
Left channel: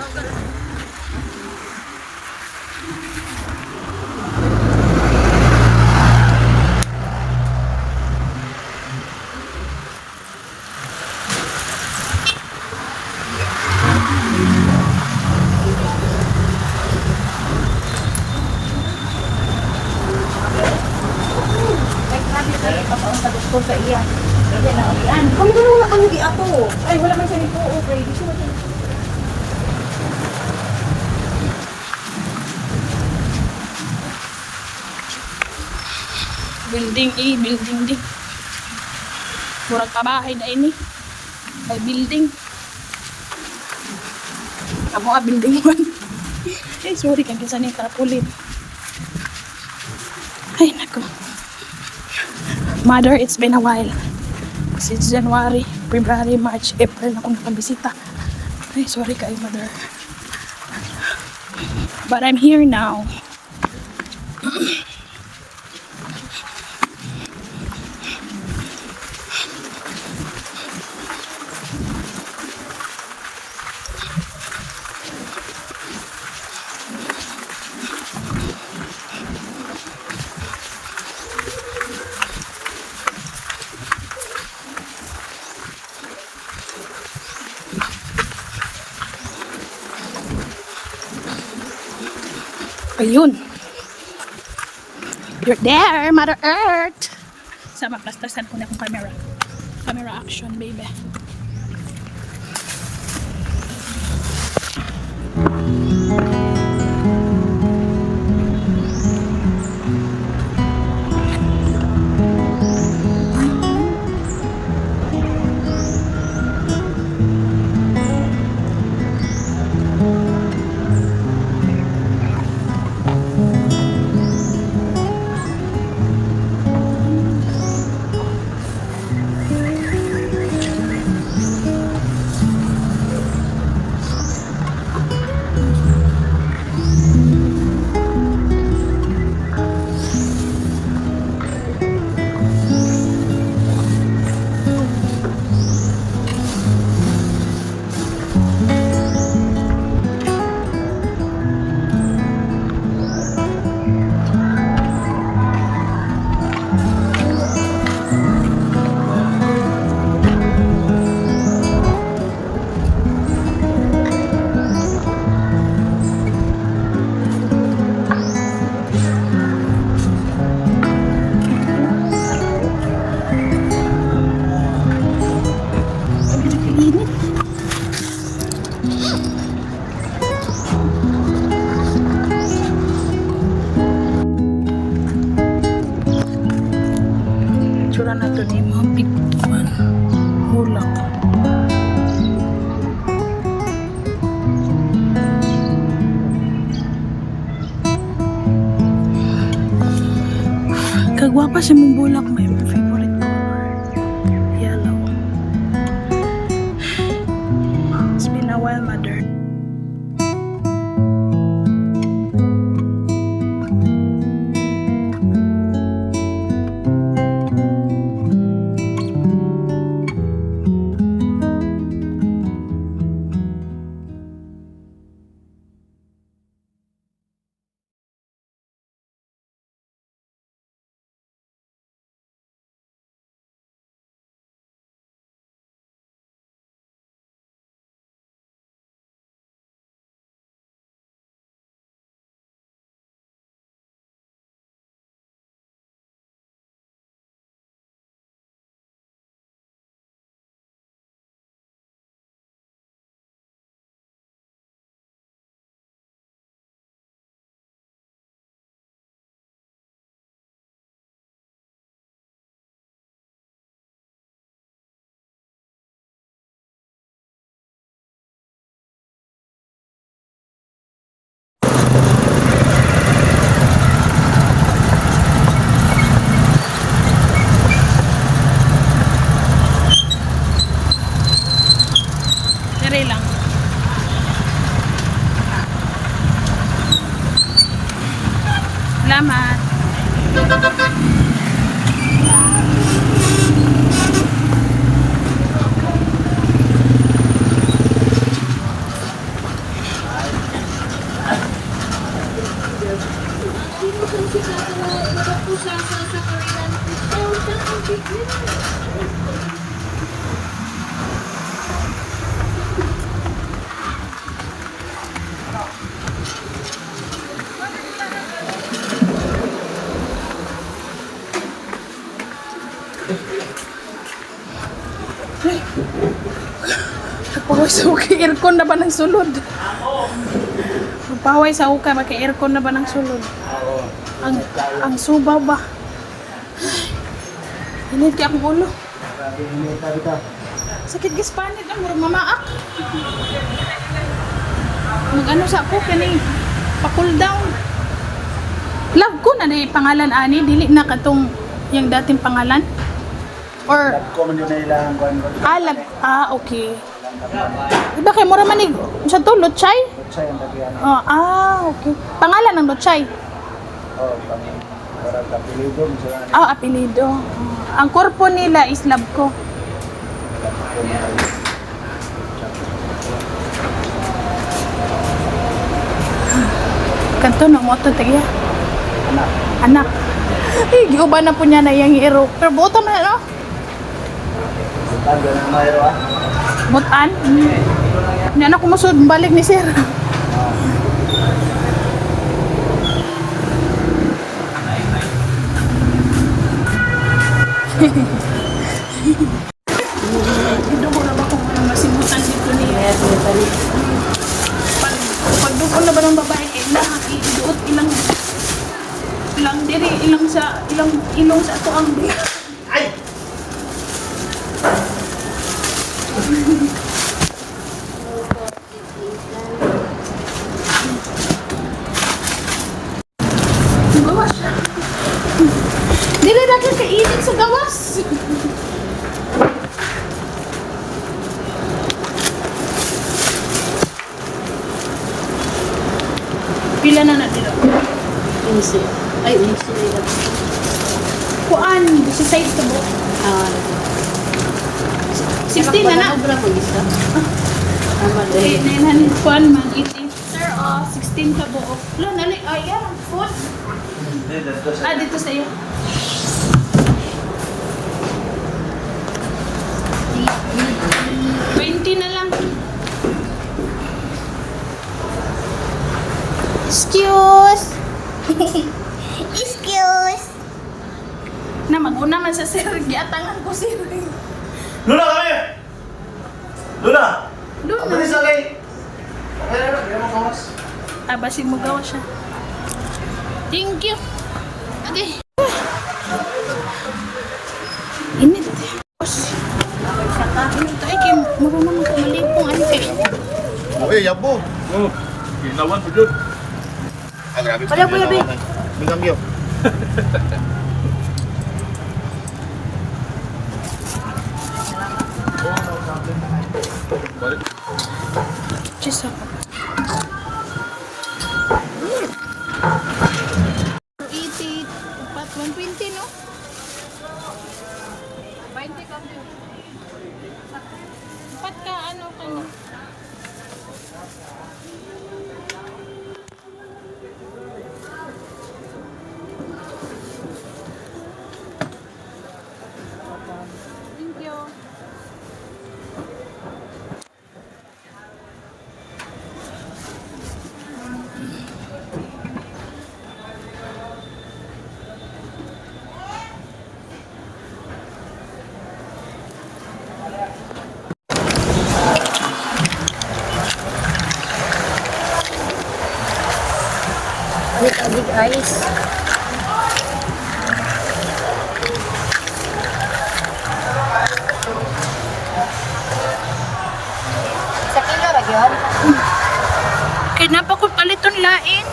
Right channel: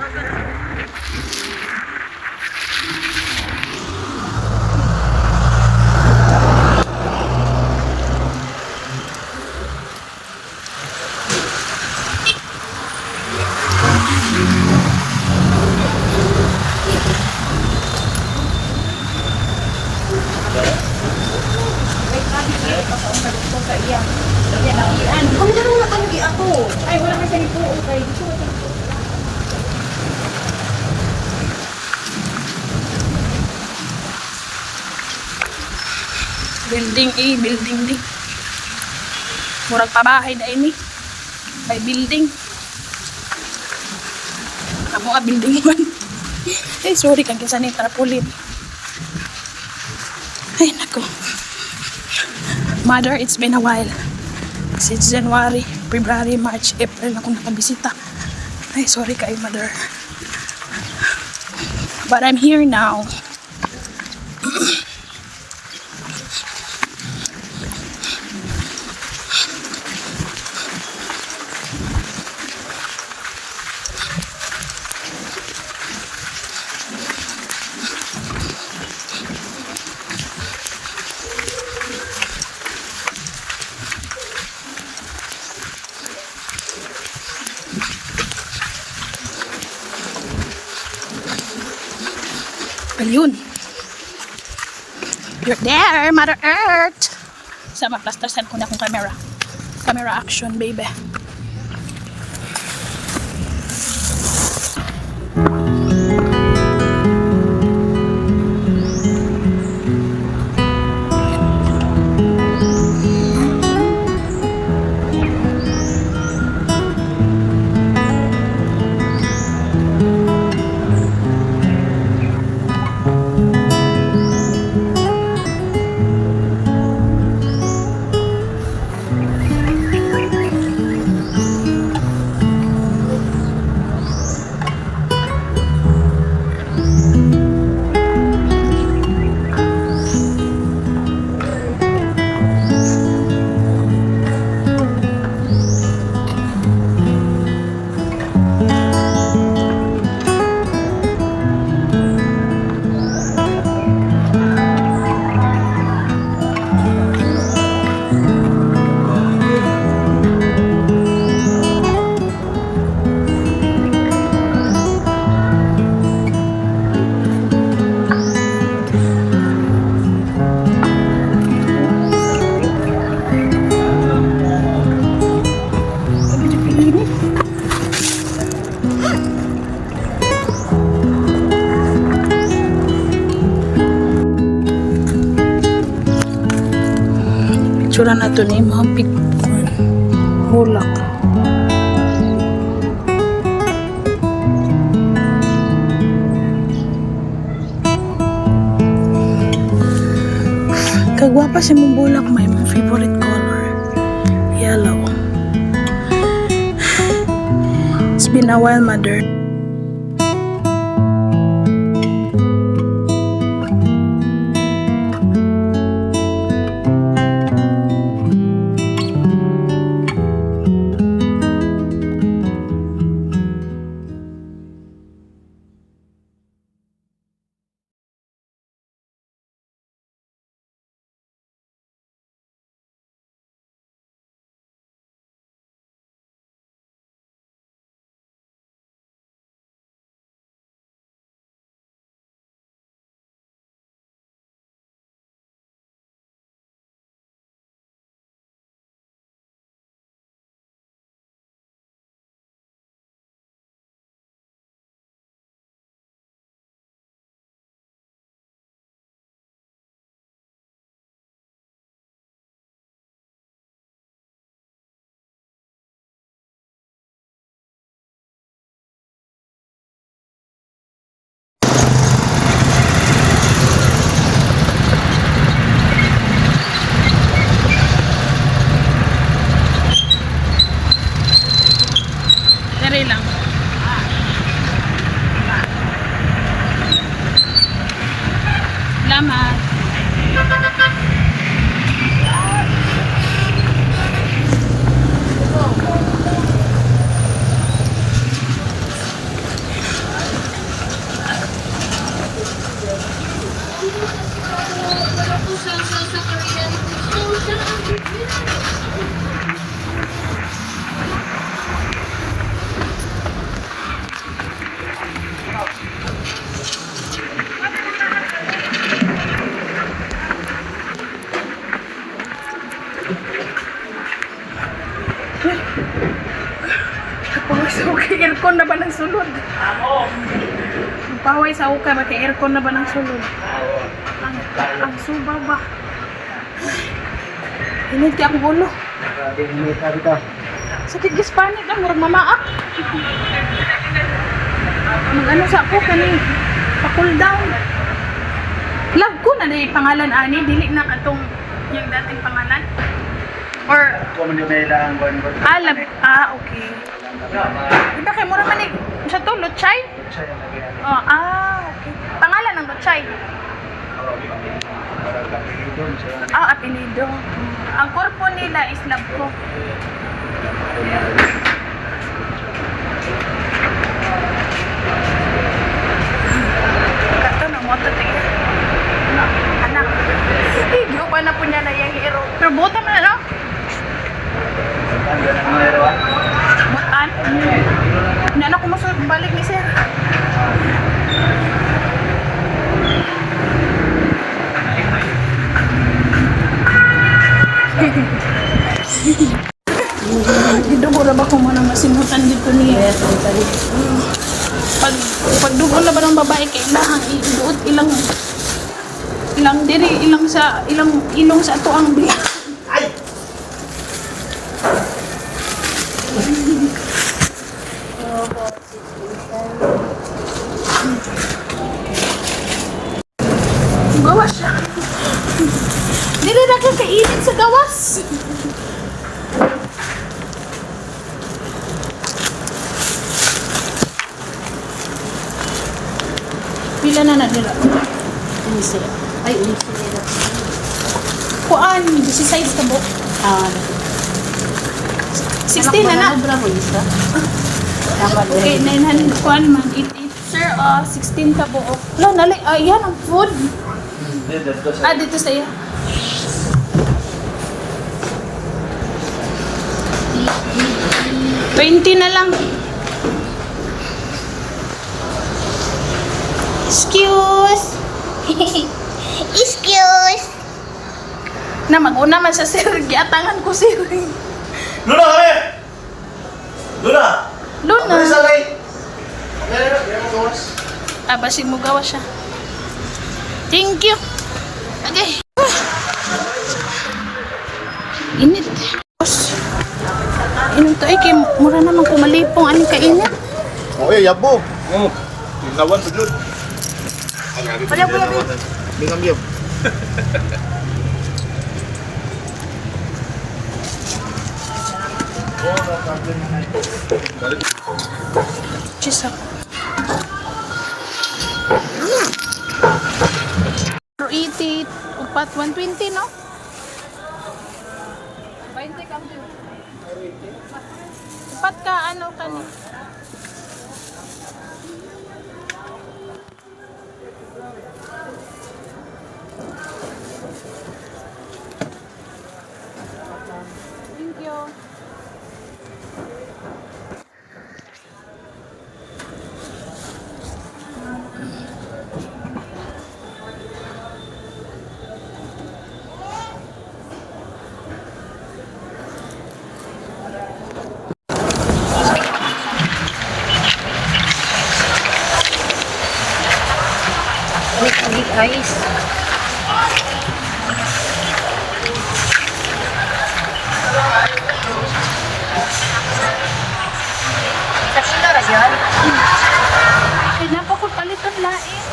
Kami na muna kayo di ako. Ay, wala kayo sa lipo. Okay, gusto mo tayo. Building building di. Murag pabahay na ini. May building. Amo building man. Eh, sorry kang kinsa ni tarpaulin. Ay, nako. Mother, it's been a while. Since January, February, March, April na akong nakabisita. Ay, sorry kayo, Mother. But I'm here now. Ayun. You're there, Mother Earth. Sama, plastersan ko na akong camera. Camera action, baby. Tsura na ito ni mga pigtuan. Bulak. Kagwapa siya mong bulak. May mga favorite color. Yellow. It's been a while, Mother. Sari lang. Salamat. Paway sa ukay, aircon na ba ng sulod? Paway sa ukay, maka aircon na ba ng sulod? Ang subaw ba? Hinid ka akong ulo. Sakit gispanit ang murag mamaak. Mag-ano sa ako kani pa-cool down. Lag ko na yung pangalan ani, dili na katong yung dating pangalan. Or Ko man yung nailangan ko. alam, okay. Diba kay mura manig sa to Luchay? Siya yung bagyan. Okay. Pangalan ng Luchay. Oh, para kapilidom siya. Apelido. Ang korpo nila is Labko. Kanto ng moto tiya. Anak. Di ko ba na po niya na yung hero? Pero buta man ano? Butan? Hindi na kumusod. Balik ni sir. Ito ko na ba kung ano masimutan dito niya? Pag dugo na ba ng babae kay ilang ibuot ilang diri ilang ilong sa ato ang di. Gawas siya. Dili na ka kainin sa gawas. Pila na dira? 15. Ay, 11 nila. Kuan, 16 ka bo. 16 na na. Okay, 900 kuan man. 88. Sir, 16 ka bo. Wala, nali. Yan ang food. Dito sa iyo. $20 na lang. Excuse. Excuse. Na mag-una man sa sir, giatangan ko sir. Luna kami! Luna! Luna. Isa lay! Okay, mo gawas. Basin mo gawa siya. Thank you. Okay. Init. Init to ay kay mura naman kumalipong ani kainit. Yabo. Ginawan dudut. Grabe pa ginawan. Bingang yo. Cheese ako. 80, upat 120 no? 20 kami. Upat ka ano kani? Thank you. Balik agig ice. Sa kilo ra yan? Kaya napakot paliton lain.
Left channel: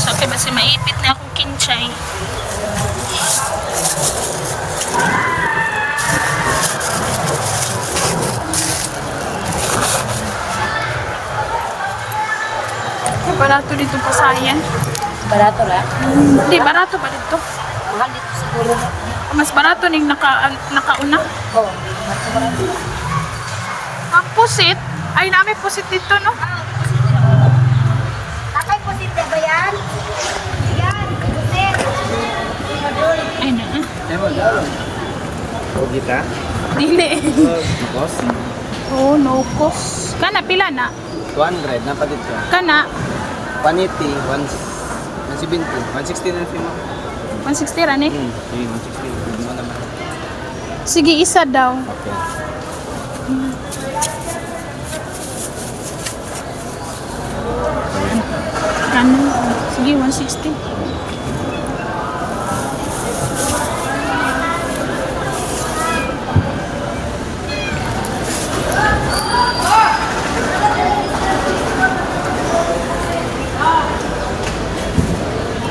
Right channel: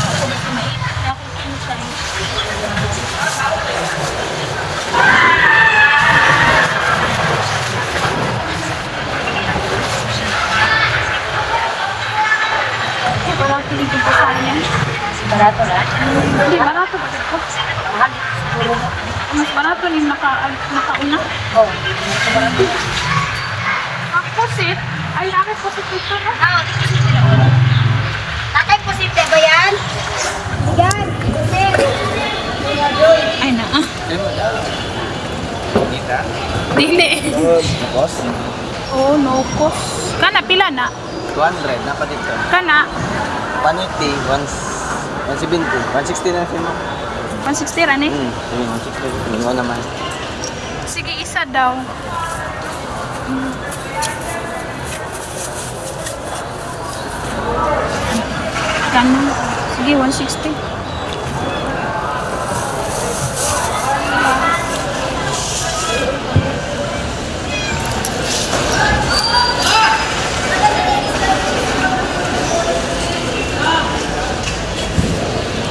So kaya mas maipit na ako kinchay. Barato dito pa sayang. Barato ra. Hindi, barato ba dito? Mahal dito sa kulo. Mas barato ning nakauna. Oh, hindi ko barato. Pusit. Ay, namin pusit dito, no? Tatay posible ba yan? Yan, posible. Ay, na Kita. Dili. Boss. Oh, no cost. Kana, pila na? 200 na pa dito. Kana, Paniti 170, 160 na siya mo. 160 ran eh. 160. Hindi mo naman. Sige, isa daw. Kana, sige, 160.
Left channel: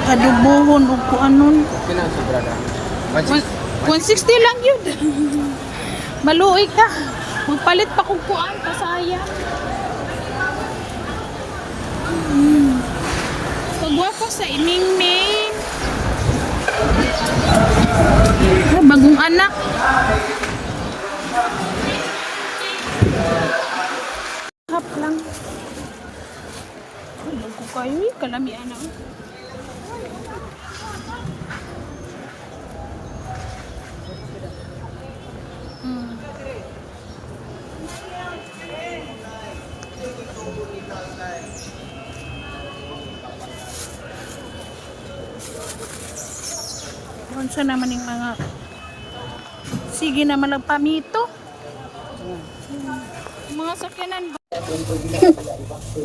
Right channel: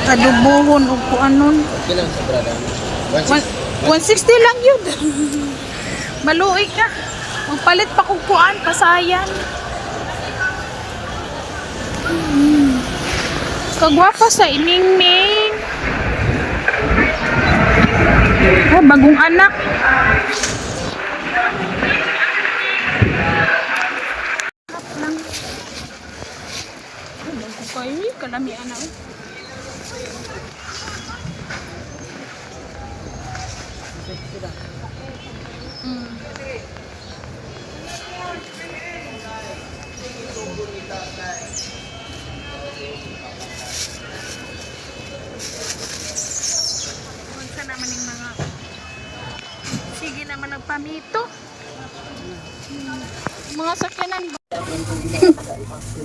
Adubuhon o kuanon. Ilang sobra lang? 160 lang yun. Maluoy ka. Magpalit pa kung kuan, pasayan. Kagwapa sa iningning. Ah, bagong anak. Hap lang. Bago kayo, kalami anak. Unsa naman yung mga sige naman nagpamito. Mga sakyanan ba?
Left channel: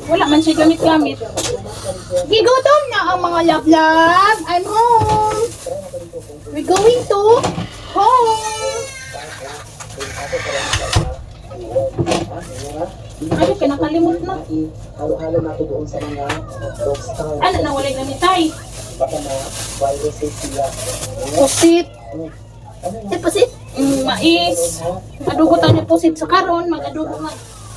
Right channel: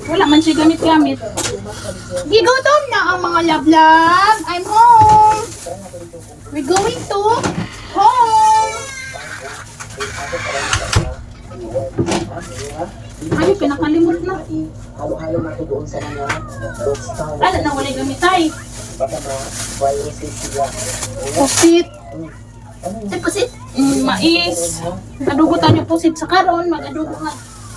Wala man siya gamit-gamit. Gigutom na ang mga love-love. I'm home. We're going to home. Ay, pinakalimot na. Halo-halo nato doon sa mga roadstar. Ano na wala gamit ay? Baka ma-viruses sila. Pusit. Ay, pasit. Mais. Adugutan niyo pusit sa karon, mag-adugo nga.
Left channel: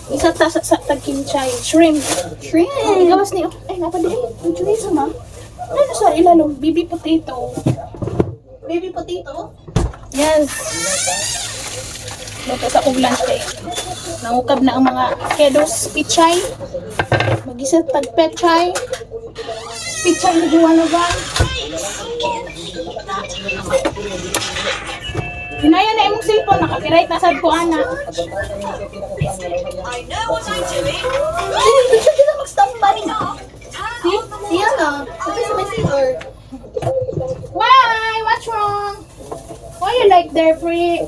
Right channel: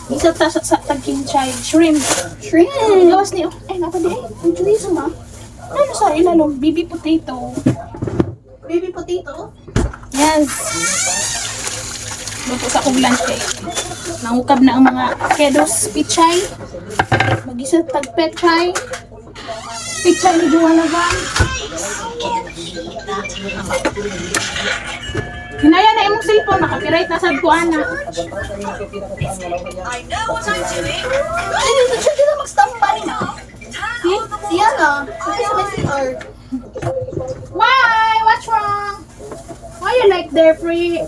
Isa ta sa tagkinchay, shrimp. Shrimp. Gawas niyo. Eh, nga pa di. Ang chorizo ma. Ano sa ilalong? Baby potato. Baby potato. Yes. Luto sa kong lunch eh. Nangukab na ang mga kedos, pichay. Mag-isa tag-pechay. Pichay na duwalagan. Hinaya na imong cellphone, nakapiright na sa buana. Ay, ito siya dito mag-standby. See? Siya na. Ito sa may CR. Why? What's wrong? Why you like their free?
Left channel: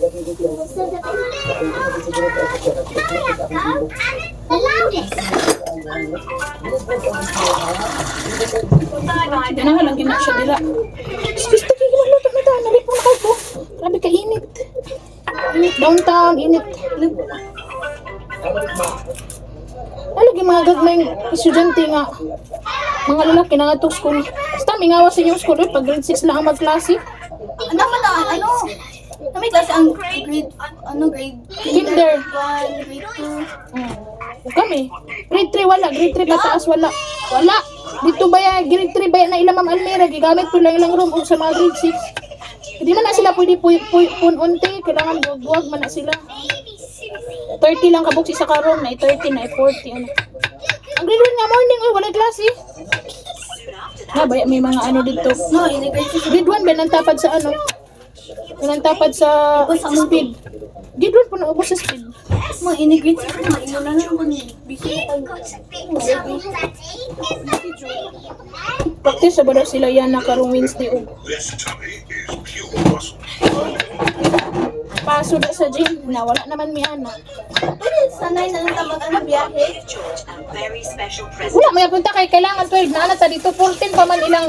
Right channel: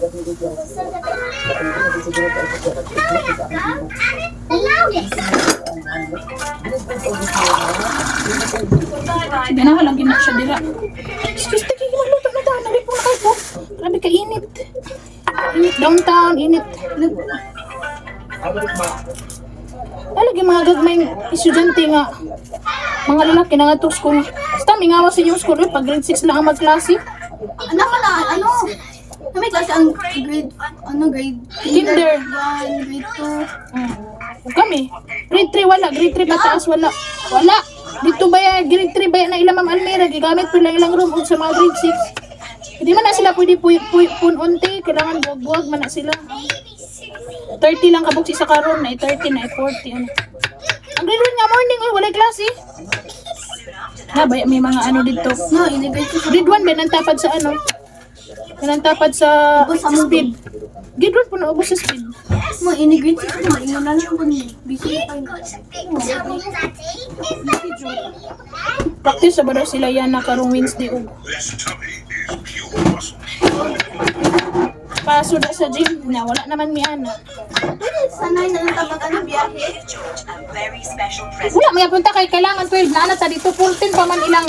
Ganahan lang gina siya dila. Excuse me, ginaluto na tayo. Nalipong na kayo. Grabe ka init. Init downtown, init. Lagi mga gagmayng estudyante nga. Mga lalaki na nga to school. Basta mingawa sa inyong school. Pag grade 6 lang ang magklase. Ano ka na? Ano? Na may klase ang grade, grade Kinder. 1, grade 2. Huwag kami. Grade 3 wala. Grade 3 pataas wala. Wala. Dito ba yan? Grade 3 ba yan na ilang Ma'am Almira? Gigamit po lang ilang room o sa mga grade 6. Hindi man na sila pwede pununti. Kailangan buwag-buwag man na sila. 30 lang kabuksi sa karon na 30 na 40 ano. Ang grade 1 nga morning wala klase. Ha, may mga ano dito. No, integrate ko. Grade 1 ba nantapad sa ano? Nantapad sa speed. Grade 1 po na ubos sa speed. Mo, integrate ko. Inyo na lang ko ni. Busy na tayo. Practice sa ba daw sila yan na karong Wednesday og paso na sa gym na wala naman mi ana. Sanay na lang tabag ang biyahe. Wala may punta kay kailangan 12 na ta dito 14 pa man ilang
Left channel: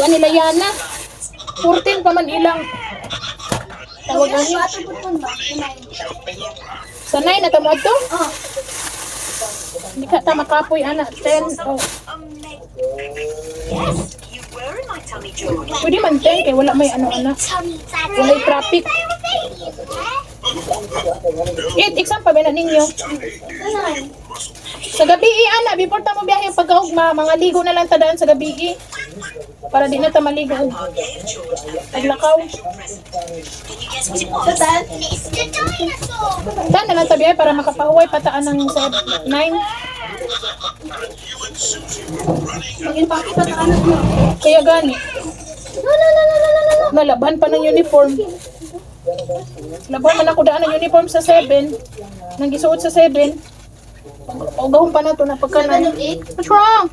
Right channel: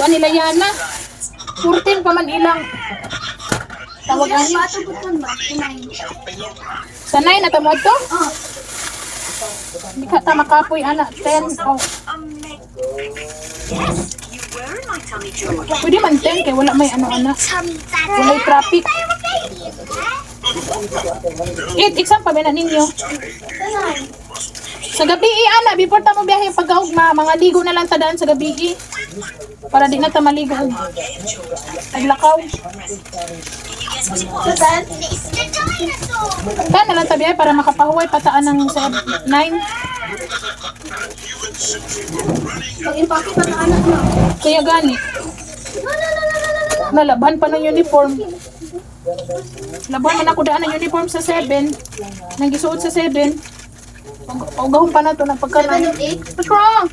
kuan nila yana. 14 pa man ilang tawag ani. Sanay na tamo to? Hindi ka ta makapoy ana 10 oh. Pwede man 10 kay wala may ano ana. Walay traffic. Exam pa ba na ninyo? Sa gabi ana, before ta mo biyahe pagkaugma, mga ligo na lang tadaan sa gabi para di na ta maligo. Paglakaw. Saan? Ta na lang ta biyahe para makapahuway pataan ng 9. Pag-impake pa ng anak mo. Kaya gani. Nalaban pa ng uniform. Laban man ako daan ng uniform sa 7. Nang gisuot sa 7. Paugahon pa na to ng pagkanan. What's wrong?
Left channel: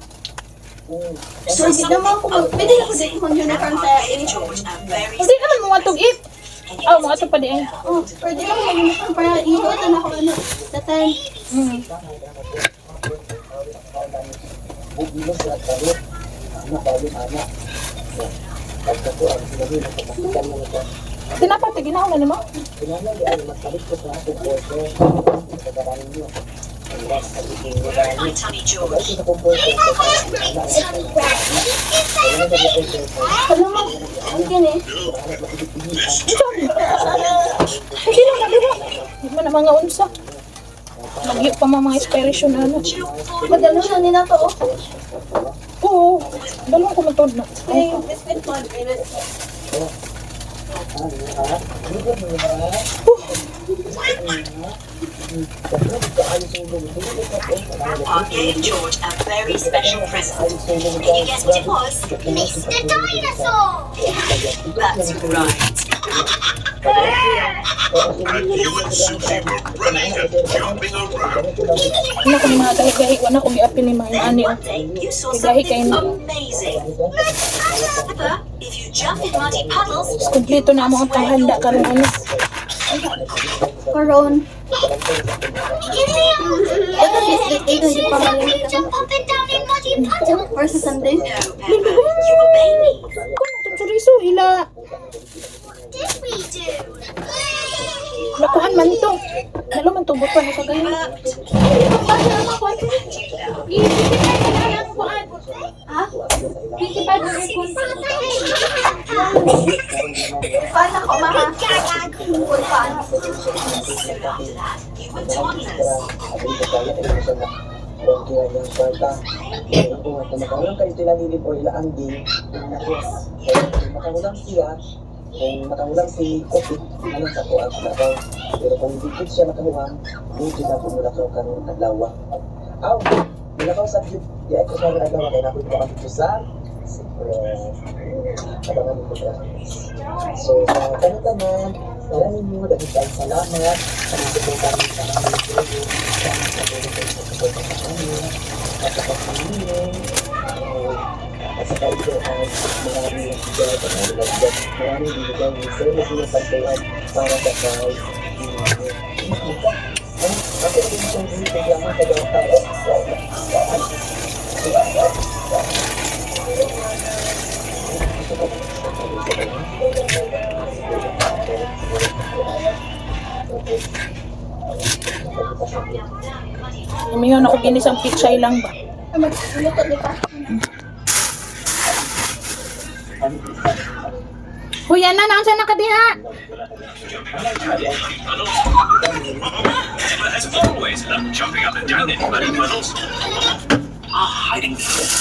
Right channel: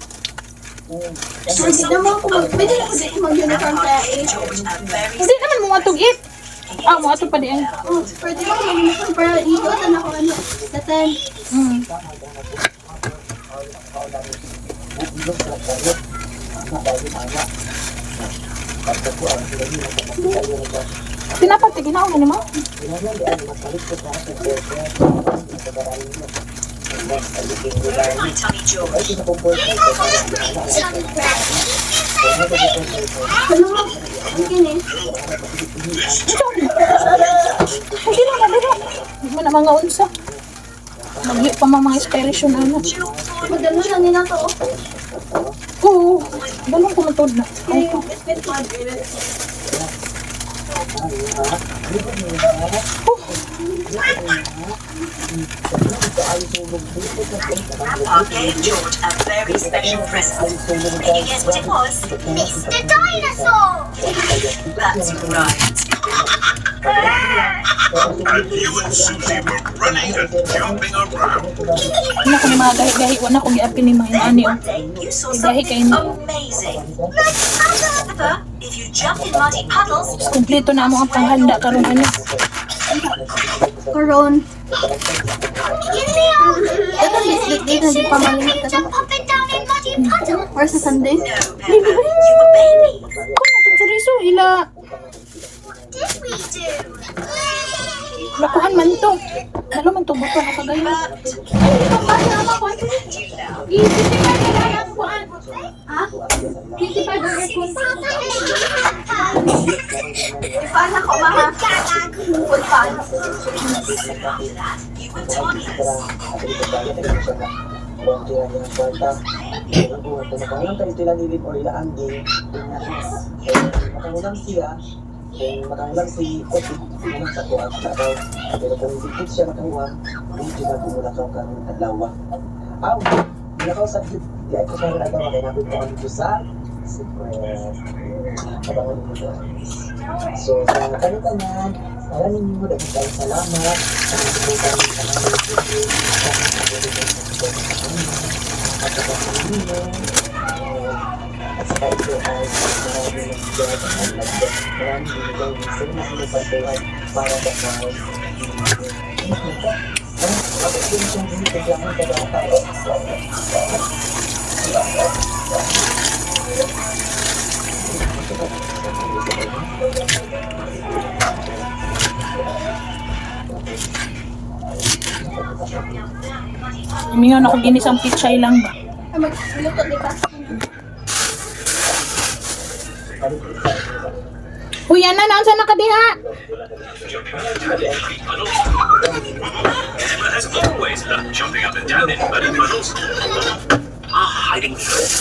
Pwede naman ako pwede na ako mag-uniform sa 8. Hindi naman mga tug-it. Ah, mga tug pa di. Oh, pwede naman mag-uniform para iiwatan ako sa 10. Tinapati, ginawa na mo? Ano mo? Okay eh. Hindi na madira. Hindi mo na mga unsa. Magli pa mga inspiration ano. Madalo na nila to. Oo. Balong ko matod na. Kaya yung business man. Grandpa gave George a very special present. Can you guess what it was? Mr. Dinosaur! That's right. You and Susie were running and jumping around. Wala ko ni mga gahi-gahi. Wala ko giapin ni mga inani. One day you saw Gahi kay something amazing. However, if you jump in muddy puddles, Kompleto na mo ang panghanda karon ano. Karon. Ito biscuit dito di pa malimit ka. Or sa Sunday. no, Pepper, you were baby. Kung itong chorizo, ila. Lakuhan man to. Lalo man to, buto na kagaya. Ha? Paano ako mama? Full pan. You were toddlers. Makamulang siya, kung makamulang si Kopi, ano sa ko at daw. Pero kung hindi siya makamuha, hindi sila pumulakaw kang adlawa. Aw, nilakaw sa jeep, di ako siya nagawa, kaya napit pa kami sa secret. Abangan mo ba? So, sa kanitanan, maraming nyo, dahil tayo salamat. Kami sumunta rin sa namin sama sa pagkakas sa kanya, at sa kasinino, at saka ito ay maraming nagdad, maraming binigay ng service na pagkakas para sa kay ako din itong binigay ka daw tayo. Imingon ako ginisang pichay lang ba? Magluto di ka. Huy, ana na unsa na kadiha? Pepper has always loved jumping up and down in muddy puddles. A hiding place.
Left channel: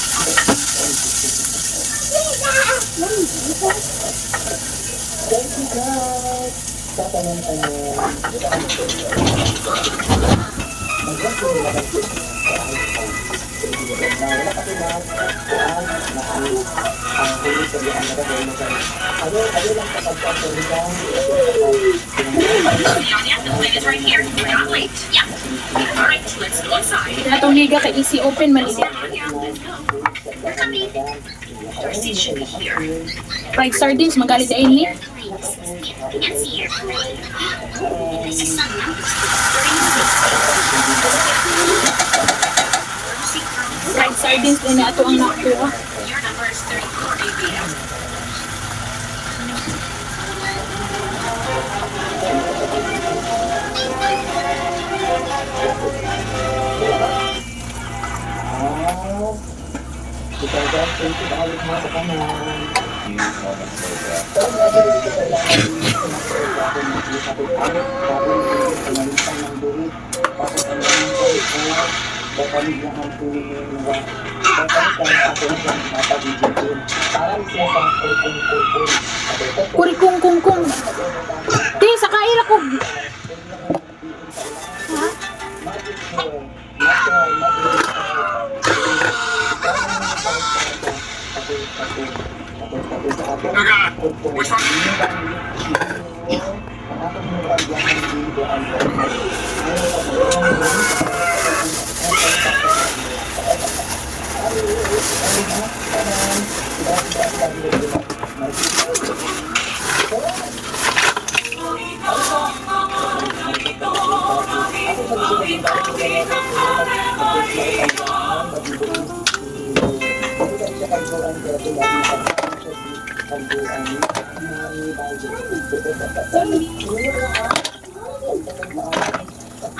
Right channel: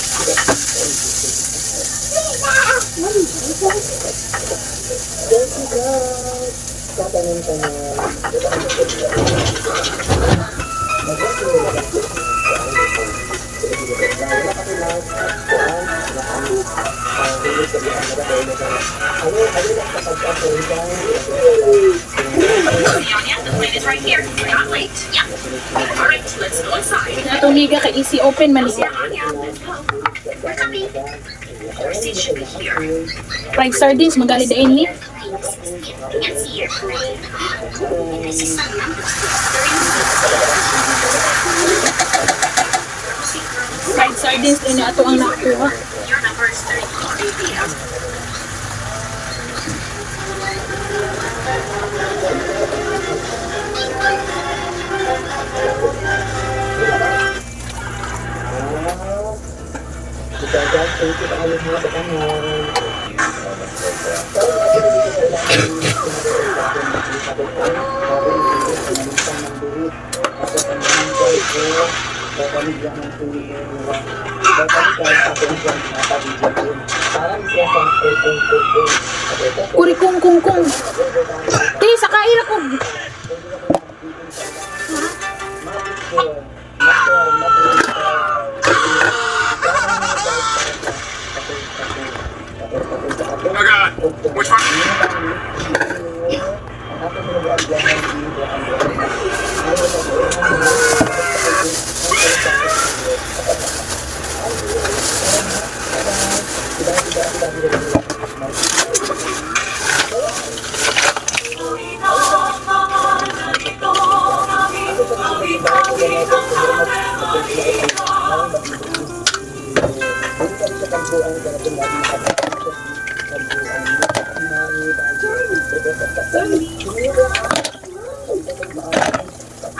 Atong liga kay easy open man liga. Fried sardines magali dain ni. Fried sardines din na ato ang nakuha. Your number is 3 p.m. Ikaw, thank you kayo mga sa kanan. Kuri kung. Ti sa kaira ko. Which one?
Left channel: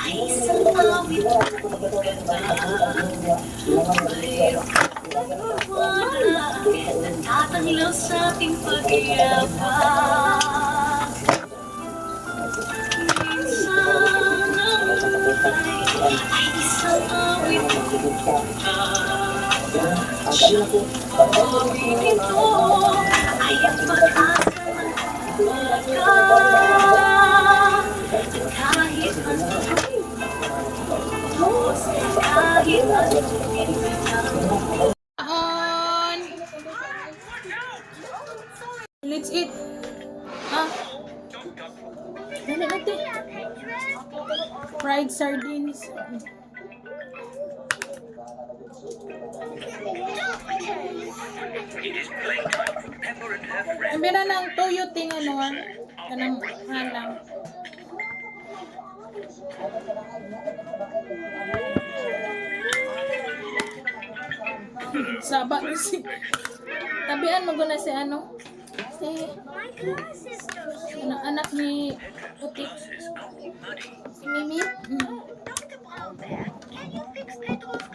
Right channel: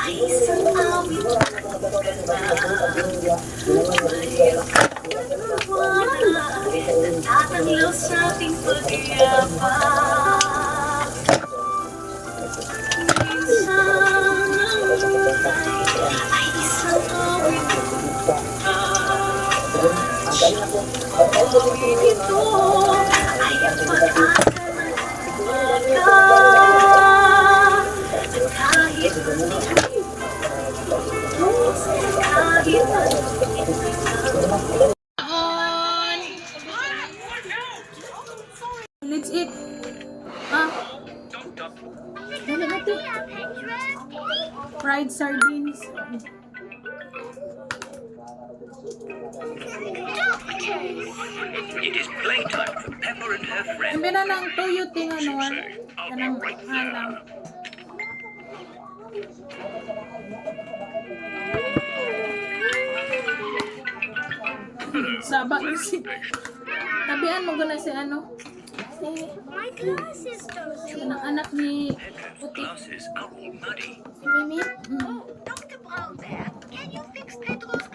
Ay, salamat. Tatanglaw sa ating pag-iyapan. Minsan ang buhay ay isang awit awit ito ay ang pag-asa ng bata. Kahit On. Let's eat. Ah. Dali natin. Fried sardines. It is playtime for Pepper and her friends. Sabi na ng toyo ting ano ah. Kanang halang. Saba si. Tabihan mo guna si ano? Si anak ni Utik. Glasses are all muddy. Si Mimi.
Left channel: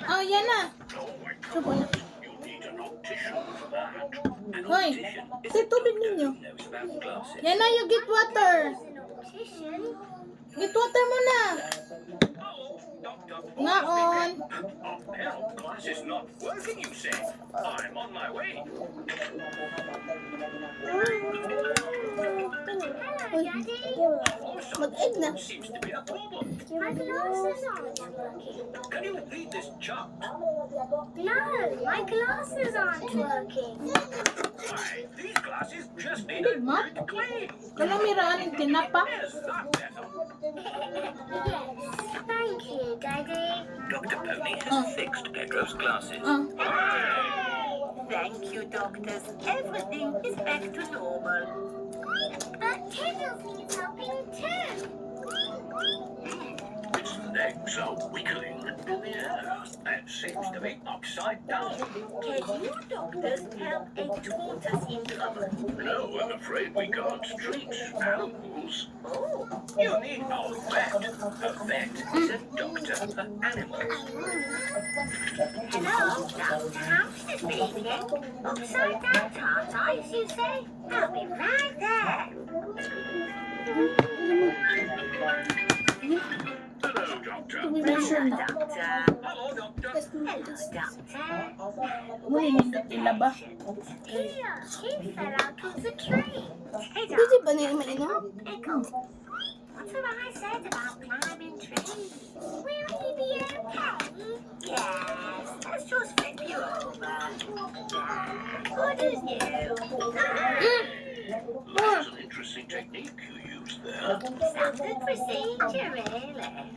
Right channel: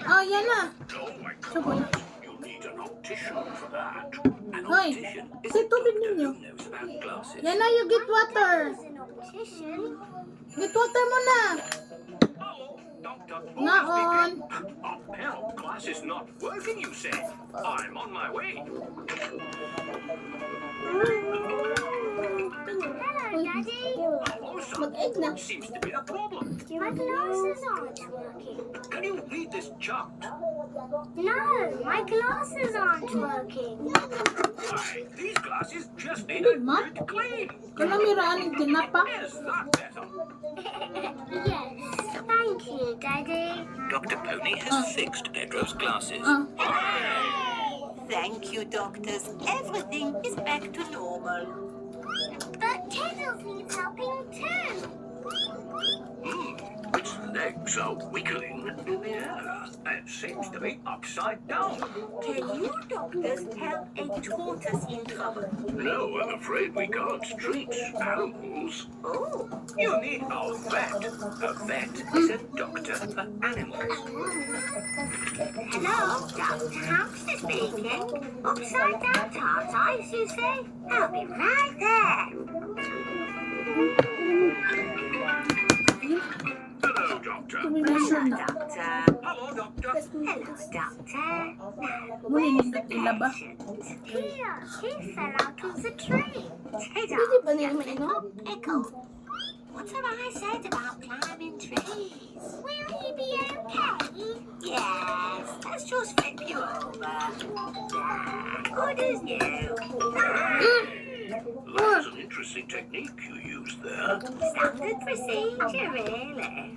Oh, yan na. Sabo na. You'll need an optician for that. An Hoy, optician is si tubig ninyo. knows about glasses. Yan na, you get water. Get water mo na. Doctor, Ngaon. a pair of glasses not working, you say? I'm on my way. Mag-egg na. Seems to be a problem. My glasses aren't working. Can you read this chart? No, my glasses aren't working. Why, these glasses just need a Mat? good clean. Kalamiraan ng tinapa. Is that better? Yes, thank you, Daddy. Dr. Pony has fixed Pedro's glasses. Thank you, doctors. Everything is back to normal. But Tiddles needs helping too. Its legs are wiggling in the air. It seems to be upside down. Can you doctors help a tortoise in trouble? No, I'm afraid we can't treat animals. Oh, You need a vet. A vet is a doctor for animals. Hello, Dr. Hamster speaking. Upside down tortoise, you say? I'll be right there. Hello, Doctor. Measure na. doctor. Hello, Doctor. Hello, Doctor. Muli nindot ilaba. Here, he fell out of the tree. Hey, Pwede Doctor. ba nila mainom? Echo. What have I said about climbing trees? Will he be okay? Yes, let's just flip you over. Good as new. That's an interesting technique you used there. Standard procedure, really.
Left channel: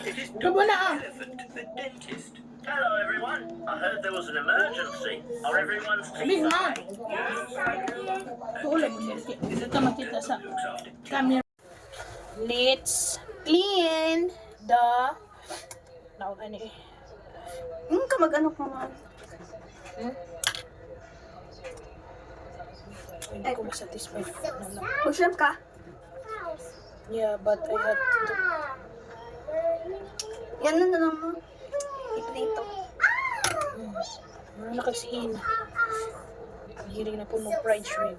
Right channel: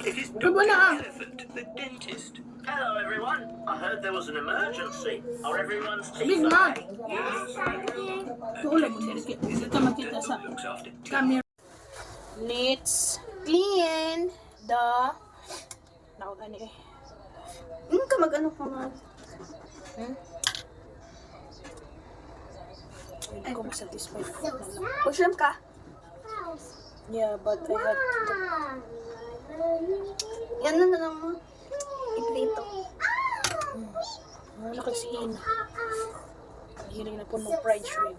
It is Sabo na ah. Elephant, the dentist. Hello everyone. I heard there was an emergency. Are everyone's Big teeth Mom. okay? Yes, thank you. Tuulay mo dirki. Hindi ka makita sa Looks after teeth. camera. Let's clean the now gani. Ka mag-ano ko nga. Hindi ko satisfied. Push-up ka. Yeah, but I had to. Yan na lang mo. Iprito. Nakasiin. Ang hiring na po ng fried shrimp.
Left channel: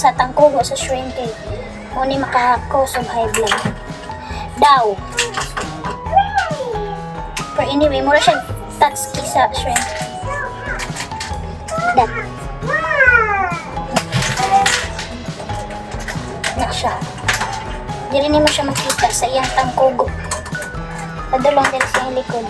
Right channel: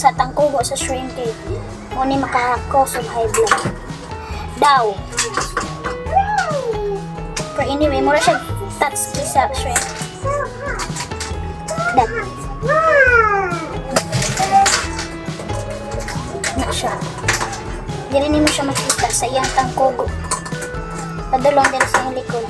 Sa tangkugo sa shrimp cake, muni makakos of high blood. Daw. Pero anyway, mura siya tatski sa shrimp. Dat. Na siya. Dili ni mo siya makita sa iyang tangkugo. Padulong din sa likod.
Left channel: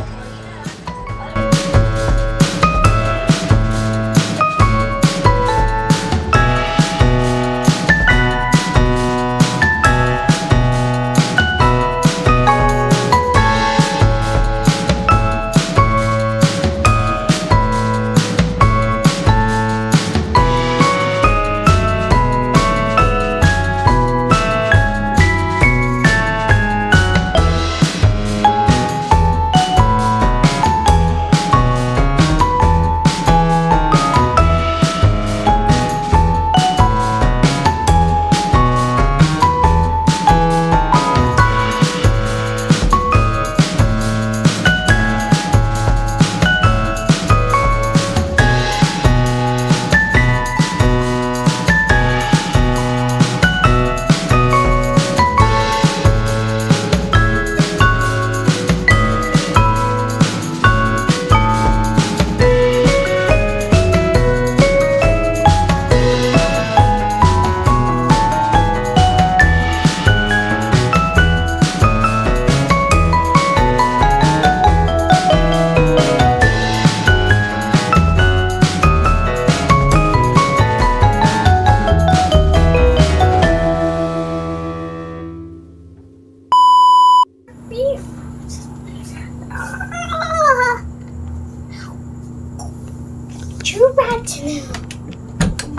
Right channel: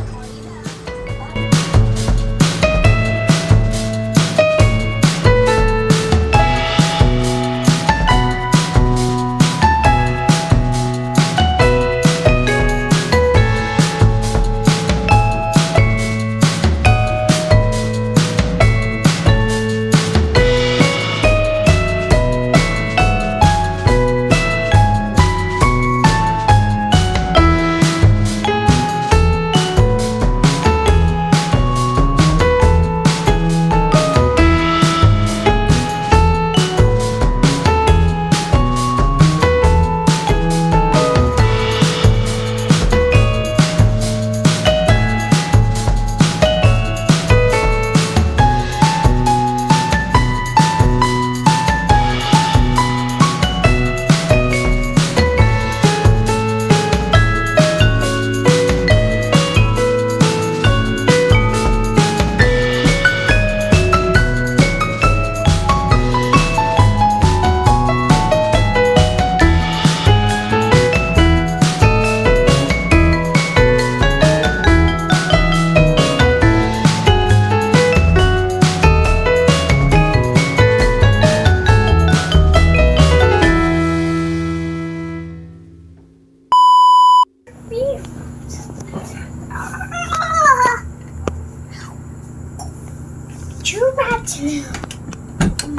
What now?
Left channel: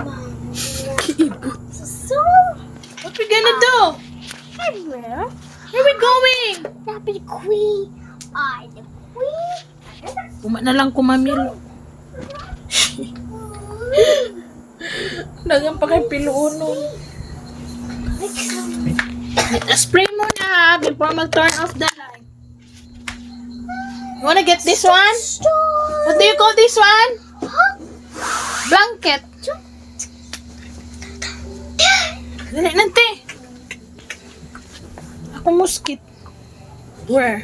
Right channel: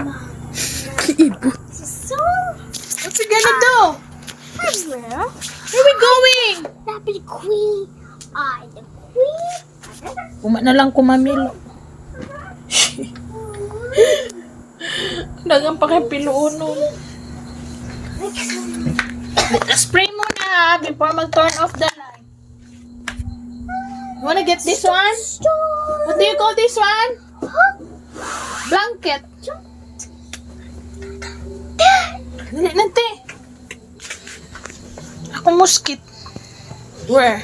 Mom. So What's we gonna do? everywhere. Where we going? Happy queen. I the queen. Uma na lang kumamilo. Dagang pa kay piluunon. Spray muna before mag-turn off the light. You wanna get this one? What do you call this one? Blanket. Dali nante. Ako muskit. Where?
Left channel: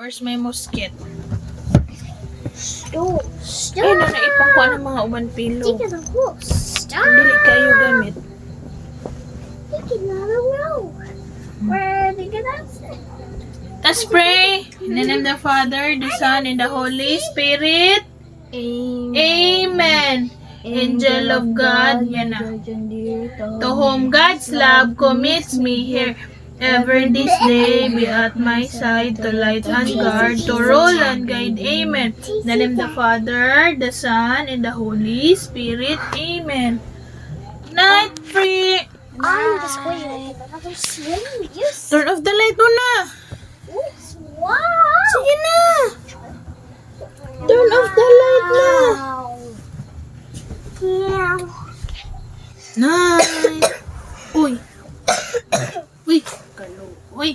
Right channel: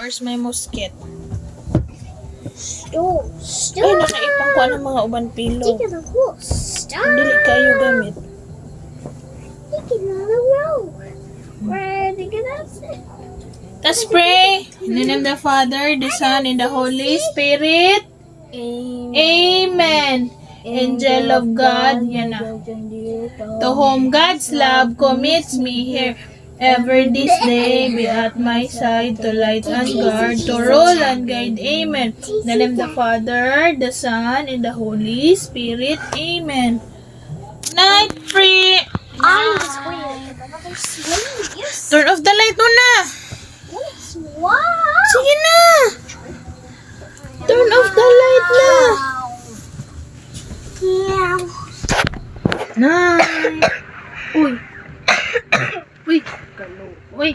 Where's my musket? Stop. Ay, nanaipang ko ng mga uban pilo. Take the whole. Stop. Dili kayo gamit. Take another row. Where are they gonna sit? Let's pray. In the name of the Father, the Son, and the Holy Spirit. Amen. Angel of God, yan na. To whom God's love commits me here. Ever this day be at my side to light and guard, to rule and guide. Amen. In the name of the Father, the Son, and the Holy Spirit. Amen. Night free. I'm just going to sleep. Yes. Turn off the light muna. Wow. Sige na. Turn off the light na. Yeah. Night. Uy. Uy. Uy.